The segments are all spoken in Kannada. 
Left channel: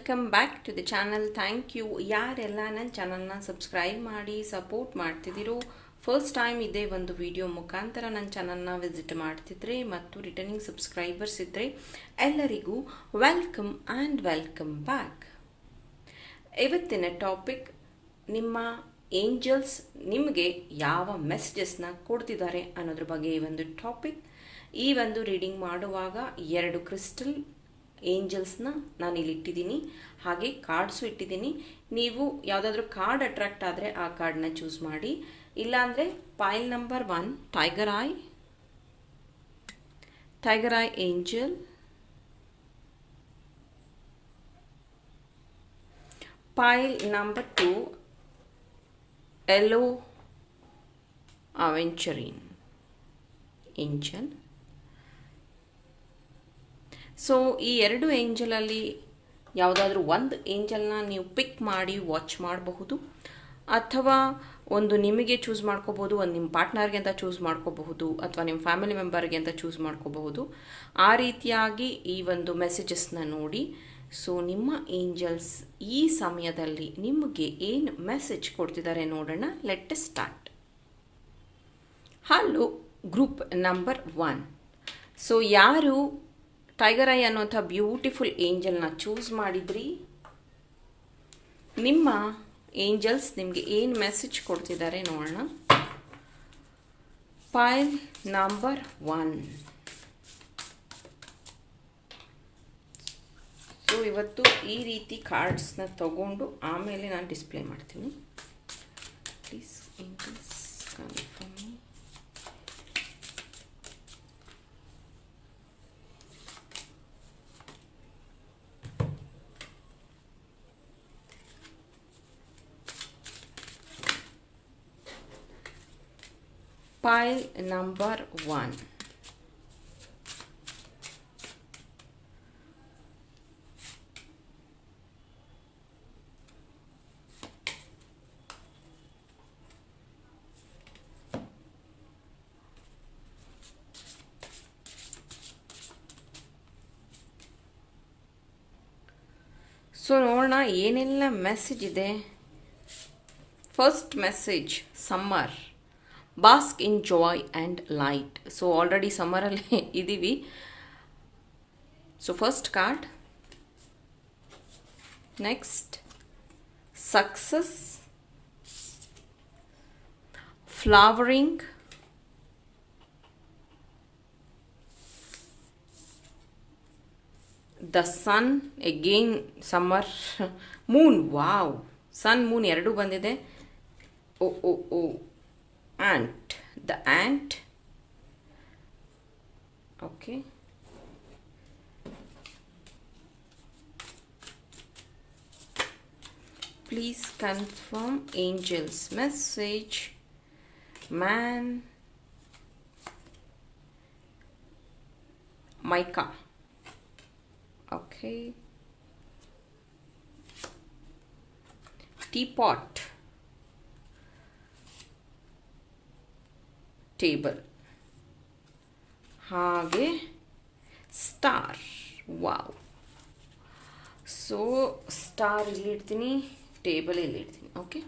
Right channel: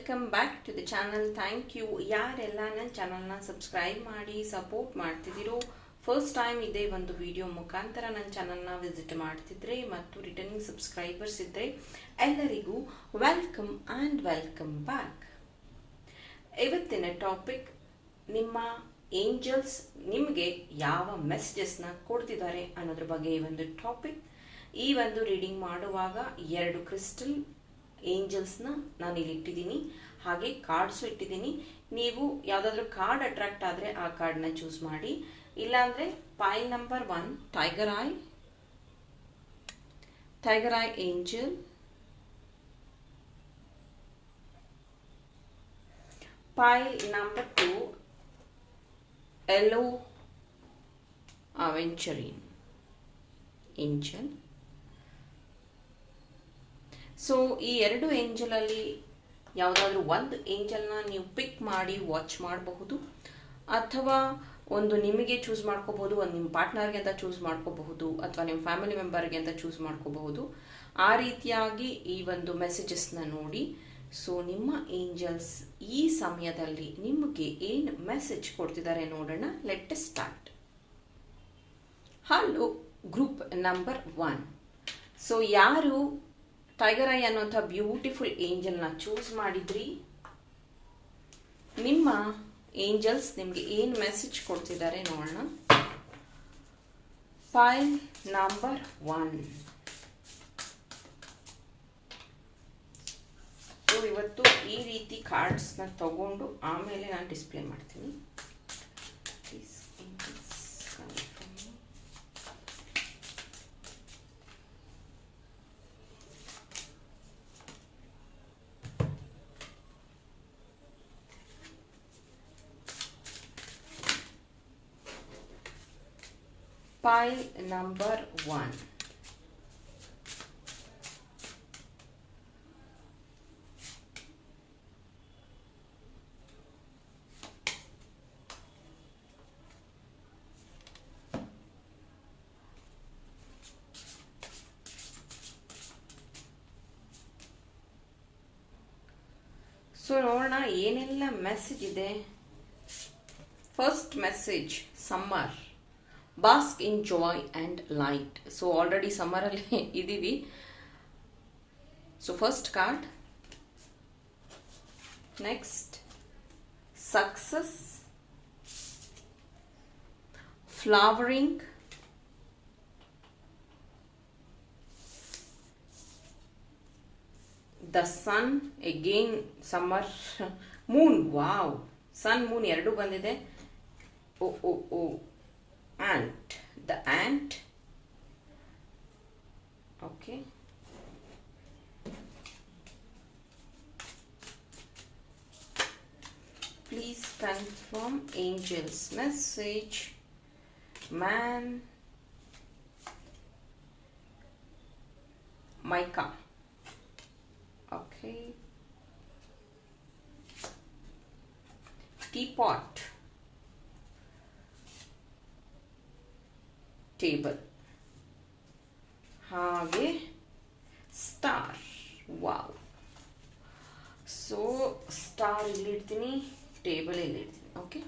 Welcome back to the channel thank you ಯಾರೆಲ್ಲ ನನ್ನ ಚಾನಲ್ನ ಸಬ್ಸ್ಕ್ರೈಬ್ ಮಾಡಿ ಸಪೋರ್ಟ್ ಮಾಡ್ತಿದ್ದೀರೋ ಫಸ್ಟ್ ಟೈಮ್ ಇದೇ ಒಂದು ವಿಡಿಯೋ ಮುಖಾಂತರ ನನ್ನ ಚಾನಲ್ನ ವಿಸಿಟ್ ಮಾಡ್ತಿದ್ರೆ ಮತ್ತು ರಿಟರ್ನಿಂಗ್ ಸಬ್ಸ್ಕ್ರೈಬರ್ಸ್ ಇದ್ದರೆ ಎಲ್ಲರಿಗೂ ವೆಲ್ಕಮ್ ಆ್ಯಂಡ್ ವೆಲ್ಕಮ್ ಬ್ಯಾಕ್ ಇವತ್ತಿನ ಟಾಪಿಕ್ ನಿಮ್ಮ ಏಂಜಲ್ಸ್ ನಿಮಗೆ ಯಾವ ಮೆಸೇಜಸ್ನ ಕೊಡ್ತಿದ್ದಾರೆ ಅನ್ನೋದ್ರ ಬಗ್ಗೆ ಈ ಒಂದು ಟಾಪಿಕ್ ಈ ಒಂದು ರೀಡಿಂಗ್ ಮಾಡುವಾಗ ಎರಡು ಕ್ರಿಸ್ಟಲ್ ಏಂಜಲ್ಸ್ನ ನಾನು ಇಲ್ಲಿ ಇಟ್ಟಿದ್ದೀನಿ ಹಾಗೆ ಕಾರ್ಡ್ಸು ಇಟ್ಟಿದ್ದೀನಿ ನೀವು ಯಾವುದಾದ್ರೂ ಕಾರ್ಡ್ ಅಟ್ರಾಕ್ಟ್ ಆದರೆ ಆ ಕಾರ್ಡ್ನ ಚೂಸ್ ಮಾಡಿ ಇಲ್ಲಾಂದರೆ pile number one tiger eye tiger eye angel pile number two yellow aventurine angel so ಈ ಎರಡು ಏಂಜಲಲ್ಲಿ ಯಾವುದಾದ್ರೂ ಒಂದು ಏಂಜಲ್ನ ನೀವು ಪಿಕ್ ಮಾಡಿ ವಾಚ್ ಮಾಡಬಹುದು ಅಥವಾ ಒಂದು ನಿಮಗೆ ಚೂಸ್ ಮಾಡ್ಕೋಬಹುದು ಒಂದು ನಿಮ್ಮ ಪಾರ್ಟ್ನರ್ಗೆ ಅಂತ ಚೂಸ್ ಮಾಡ್ಕೋಬಹುದು ಅಥವಾ ನಿಮ್ಮ ಫ್ಯಾಮಿಲಿ ಮೆಂಬರ್ಗೆ ಅಂತ ಚೂಸ್ ಮಾಡ್ಕೋಬಹುದು ಆ ರೀತಿಯಾಗಿ ಈ ಒಂದು ಮೆಸೇಜಸ್ನ ನೋಡಿ ಸೊ ನಿಮ್ಮ ಏಂಜಲ್ಸ್ ಈ ಸಮಯದಲ್ಲಿ ನಿಮಗೆ ಏನು ಮೆಸೇಜ್ ಕೊಡ್ತಿದ್ದಾರೆ ನೋಡೋಣ let start hello group number one so ಯಾರು ಟೈಗರ್ ಐ ಅನ್ನುವಂಥ ಬ್ಯೂಟಿಫುಲ್ ಏಂಜಲ್ನ ಚೂಸ್ ಮಾಡಿದ್ರಿ ನಿಮ್ಮ ಏಂಜಲ್ಸ್ ನಿಮಗೆ ಏನು ಮೆಸೇಜ್ ಕೊಡ್ತಿದ್ದಾರೆ ನೋಡೋಣ ಫೈಲ್ ನಂಬರ್ ಒನ್ ಸೊ ಇವತ್ತು ಈ ರೀತಿ ಕಾರ್ಡ್ಸ್ನ ತಗೊಂಡು ಆಮೇಲೆ ನಾನು ಡಿಸ್ಪ್ಲೇ ಮಾಡ್ತೀನಿ ಪ್ಲೀಸ್ file number 1. ಸೊ ನೋಡೋಣ ಏನೆಲ್ಲ ಮೆಸೇಜ್ ಇದೆ first message summer bask in joy and light so already ಸಮ್ಮರಲ್ಲಿ ಇದ್ದೀವಿ so first card next success flowering the sun again summer moon wow sun moon ಎರಡು ಬಂದಿದೆ oh oh oh ant the ant okay please confirm angel's message man mica okay teapot table ಹಾಗೆ ಸ್ಟಾರ್ ವಾವ್ ಸೊ ಸ್ಟಾರ್ ಇಲ್ಲಿಡ್ತೀನಿ table ಇಲ್ಲಿಡ್ತೀನಿ okay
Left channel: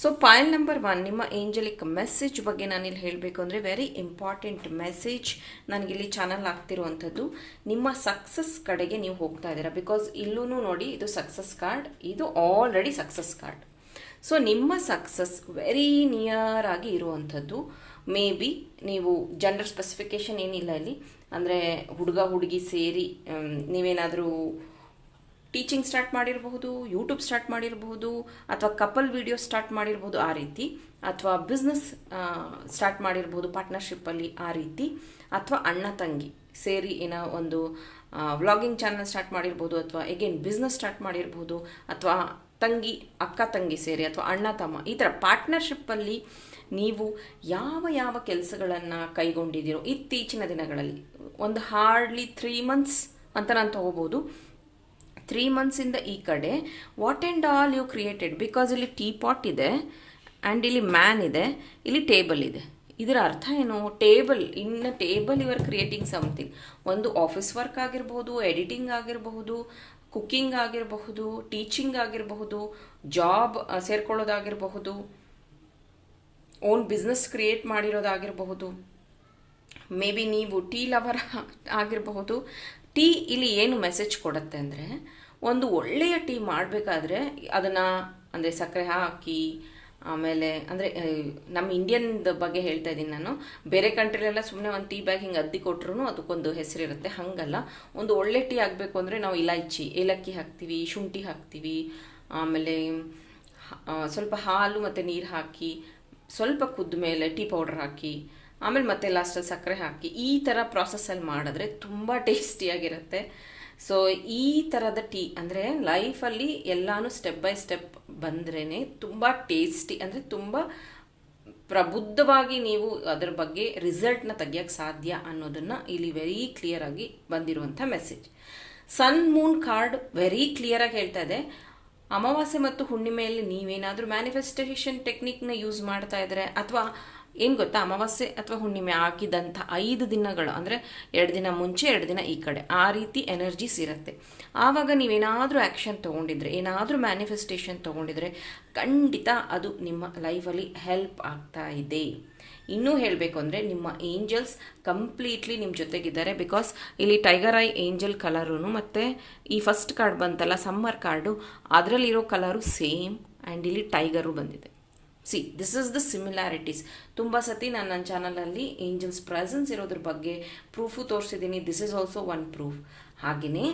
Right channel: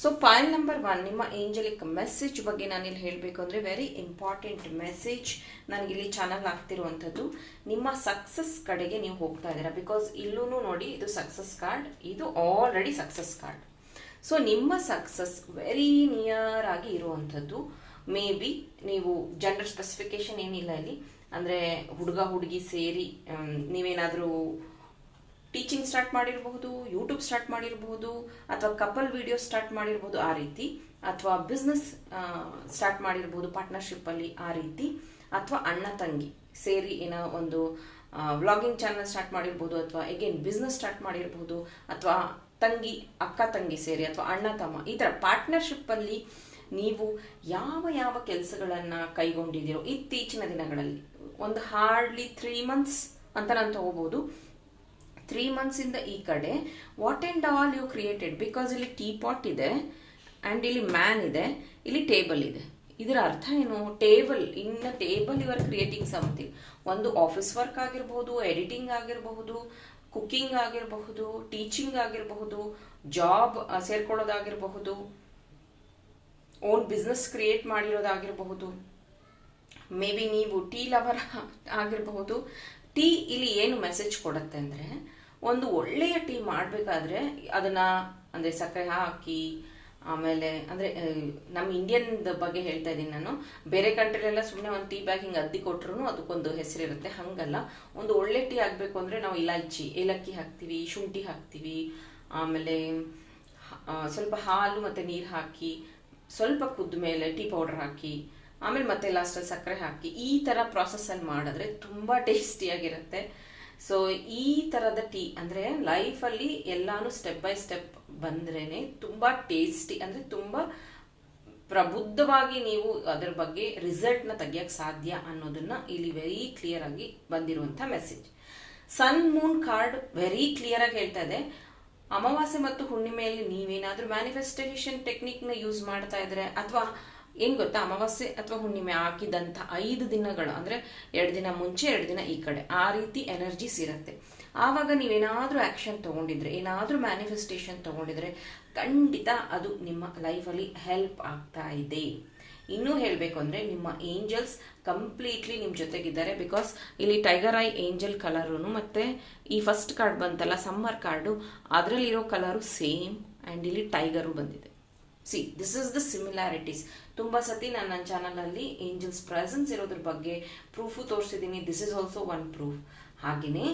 so point number one ನಿಮ್ಮ ಏಂಜಲಿಕ್ ಮೆಸೇಜ್ ಬಗ್ಗೆ ನಾನು ಇಲ್ಲಿ ಹೇಳಬೇಕು ಅಂದರೆ ವೆರಿ ಇಂಪಾರ್ಟೆಂಟ್ ಮೆಸೇಜ್ ನನಗೆ ಇಲ್ಲಿ ಚಾನಲ್ ಆಗ್ತಿರುವಂಥದ್ದು ನಿಮ್ಮ ಸಕ್ಸಸ್ ಕಡೆಗೆ ನೀವು ಹೋಗ್ತಾ ಇದ್ದೀರಾ ಬಿಕಾಸ್ ಇಲ್ಲೂ ನೋಡಿ ಇದು ಸಕ್ಸಸ್ ಕಾರ್ಡ್ ಇದು ಆಲ್ರೆಡಿ ಸಕ್ಸಸ್ ಕಾರ್ಡ್ ಸೊ ನಿಮ್ಮ ಸಕ್ಸಸ್ ವೆರಿ ನಿಯರ್ ಆಗಿ ಇರುವಂಥದ್ದು ಮೇ ಬಿ ನೀವು ಜನರಲ್ ಸ್ಪೆಸಿಫಿಕೇಶನ್ ಏನಿಲ್ಲ ಇಲ್ಲಿ ಅಂದರೆ ಹುಡುಗ ಹುಡುಗಿ ಸೇರಿ ನೀವೇನಾದರೂ ಟೀಚಿಂಗ್ ಸ್ಟಾರ್ಟ್ ಮಾಡಿರಬಹುದು ಯೂಟ್ಯೂಬ್ ಸ್ಟಾರ್ಟ್ ಮಾಡಿರಬಹುದು ಅಥವಾ ಕಪಲ್ ವಿಡಿಯೋ ಸ್ಟಾರ್ಟ್ ಮಾಡಿರ್ಬೋದು ಆ ರೀತಿ ಅಥವಾ ಬಿಸ್ನೆಸ್ ಸ್ಟಾರ್ಟ್ ಮಾಡಿರ್ಬೋದು ಪಾರ್ಟ್ನರ್ಶಿಪ್ಪಲ್ಲಿ ಆ ರೀತಿ ಅಥವಾ ಅಣ್ಣ ತಂಗಿ ಸೇರಿ ಏನೋ ಒಂದು ವ್ಲಾಗಿಂಗ್ ಚಾನಲ್ ಸ್ಟಾರ್ಟ್ ಮಾಡಿರ್ಬೋದು ಅಥವಾ ಎಗೇನ್ ಬಿಸ್ನೆಸ್ ಸ್ಟಾರ್ಟ್ ಮಾಡಿರ್ಬೋದು ಅಥವಾ ತಂಗಿ ಅಕ್ಕ ತಂಗಿ ಸೇರಿ ಅಥವಾ ಅಣ್ಣ ತಮ್ಮ ಈ ಥರ ಪಾರ್ಟ್ನರ್ಶಿಪ್ಪಲ್ಲಿ ನೀವು ಯಾವ ಯಾವ ಕೆಲಸಗಳನ್ನು ಕೈಗೊಂಡಿದ್ದೀರೋ ಇತ್ತೀಚಿನ ದಿನಗಳಲ್ಲಿ ಒಂದು ಹಾರ್ಡ್ಲಿ ತ್ರೀ ಮಂತ್ಸ್ ಅಂತ ನಾನು ತಗೋಬೋದು ತ್ರೀ ಮಂತ್ಸಿಂದ ಈ ಕಡೆ what and all you created because ಇಲ್ಲಿ ಟೀ ಪಾಟ್ ಇದೆ ಆ್ಯಂಡ್ ಇಲ್ಲಿ ಮ್ಯಾನ್ ಇದೆ ಇಲ್ಲಿ ಟೇಬಲ್ ಇದೆ ಇದರ ಅರ್ಥ ಏನು table in table you are creating something ಒಂದು ಆಫೀಸ್ ವರ್ಕ್ ಆಗಿರ್ಬೋದು ಎಡಿಟಿಂಗ್ ಆಗಿರಬಹುದು ಕುಕ್ಕಿಂಗ್ ಆಗಿರಬಹುದು ಟೀಚಿಂಗ್ ಆಗಿರಬಹುದು ಜಾಬ್ ಸೇರ್ಕೊಳ್ಳೋದಾಗಿರಬಹುದು ಓನ್ ಬಿಸ್ನೆಸ್ ಕ್ರಿಯೇಟ್ ಮಾಡಿರೋದಾಗಿರಬಹುದು ಮೇ ಬಿ ನೀವು ಟೀ ಲವರ್ ಆಗಿರಬಹುದು ಟೀ ಇಲ್ಲಿ ಏನು ಮೆಸೇಜ್ ಕೊಡುತ್ತೆ ಅಂದರೆ ಒಂದು ಒಳ್ಳೆಯ ಟೀ ಮಾಡಬೇಕಾದ್ರೆ ಅದನ್ನು ಅಂದರೆ ಸಕ್ಕರೆ ಹಾಕಿ ಆಮೇಲೆ ಅಂದ್ರೆ ನಮ್ಮ ಇಂಡಿಯನ್ ಬಗ್ಗೆ ಹೇಳ್ತಾ ಇದ್ದೀನಿ ನಾನು ಬೇರೆ ಕಂಟ್ರಿಲೆಲ್ಲ ಸುಮ್ಮನೆ ಒಂದು ಟೀ ಬ್ಯಾಗ್ ಹಿಂಗೆ ಅದ್ದಿ ಕೊಟ್ರು ಅದಕ್ಕೊಂದು ಹೆಸರಿರುತ್ತೆ ಹಂಗಲ್ಲ ಒಂದು ಒಳ್ಳೆ ಟೀ ಆಗಬೇಕು ಅಂದರೆ ನಾವು ಇಲೈಚಿ ಏಲಕ್ಕಿ ಹಾಕ್ತೀವಿ ಶುಂಠಿ ಹಾಕ್ತೀವಿ ಆಮೇಲೆ ಸ್ವಲ್ಪ ಹಾಲು ಮತ್ತೆ ನೀರು ಹಾಕಿ ಸ್ವಲ್ಪ ಕುದ್ದ ಮೇಲೆ ಟೀ ಪೌಡರ್ ಹಾಕಿ ಆಮೇಲೆ ಮತ್ತೆ ಲಾಸ್ಟಲ್ಲಿ ಸಕ್ಕರೆ ಹಾಕಿ ಈ ಥರ ಅಲ್ಲಿ ಮಾಡಿದ್ರೆ ತುಂಬ ಟೇಸ್ಟಿಯಾಗಿರುತ್ತೆ ಸೊ ಈ ಥರದ ಟೀ ಅಂದರೆ ಲೈಫಲ್ಲಿ ಎಲ್ಲಾನು ಸ್ಟೆಪ್ ಬೈ ಸ್ಟೆಪ್ ಬಂದ್ರೇ ತುಂಬ ಟೇಸ್ಟಿ ಅಂದರೆ ತುಂಬ ಪ್ರಬುದ್ಧವಾಗಿ ನೀವು ಅದರ ಬಗ್ಗೆ ರಿಸಲ್ಟ್ನ ತೆಗಿಯೋಕೆ ಸಾಧ್ಯ ಅನ್ನೋದನ್ನು ಇಲ್ಲಿ ವೆರಿ ಕ್ಲಿಯರ್ ಆಗಿ ಬಂದಿರುವಂಥ message sun moon card very clear ಆಗಿ ಹೇಳ್ತಾ ಇದೆ ಅಮಾವಾಸ್ಯೆ ಮತ್ತು ಹುಣ್ಣಿಮೆಯಲ್ಲಿ ನೀವೇನಾದರೂ ಮ್ಯಾನಿಫೆಸ್ಟೇಷನ್ ಟೆಕ್ನಿಕ್ನ ಯೂಸ್ ಮಾಡ್ತಾ ಇದ್ರೆ ಅಥವಾ ಏನು ಗೊತ್ತಾ ಅಮಾವಾಸ್ಯೆ ಅಥವಾ ಹುಣ್ಣಿಮೆ ಹಾಕಿದಂಥ ಐದು ದಿನಗಳು ಅಂದರೆ ಎರಡು ದಿನ ಮುಂಚೆ ಎರಡು ದಿನ ಈ ಕಡೆ ಆ ರೀತಿ ಎನರ್ಜೀಸ್ ಇರುತ್ತೆ ಆವಾಗ ನೀವೇನಾದರೂ ಆ್ಯಕ್ಷನ್ ತಗೊಂಡಿದ್ರೆ ಏನಾದರೂ ಮ್ಯಾನಿಫೆಸ್ಟೇಷನ್ ತಗೊಂಡಿದ್ರೆ ಖಂಡಿತ ಅದು ನಿಮ್ಮ ಲೈಫಲ್ಲಿ ಹೆಲ್ಪ್ ಆಗ್ತಾ ಇದೆ ಇನ್ನೂ ಹೇಳಬೇಕು ಅಂದರೆ ನಿಮ್ಮ ಏಂಜಲ್ಸ್ ಕಂಪ್ಲೀಟ್ಲಿ ನಿಮ್ಮ ಜೊತೆಗಿದ್ದಾರೆ ಬಿಕಾಸ್ ಇಲ್ಲಿ ಟೈಗರ್ ಐ ಏಂಜಲ್ ಕಲರೂ ಮತ್ತು ಈ ಫಸ್ಟ್ ಕಾರ್ಡ್ ಬಂತಲ್ಲ ಸಮ್ಮರ್ ಕಾರ್ಡು ಅದರಲ್ಲಿರೋ ಕಲರು ಸೇಮ್ ಆ್ಯಂಡ್ ಇಲ್ಲಿ ಟೈಗರು ಬಂದಿದೆ see this is the similarities ತುಂಬ ಸತಿ ನಾನು ನನ್ನ ಚಾನಲಲ್ಲಿ ಏಂಜಲ್ಸ್ ಪ್ರೆಸೆನ್ಸ್ ಇರೋದ್ರ ಬಗ್ಗೆ ಪ್ರೂಫು ತೋರಿಸಿದ್ದೀನಿ this is also one proof ಹಾಗೆಯೇ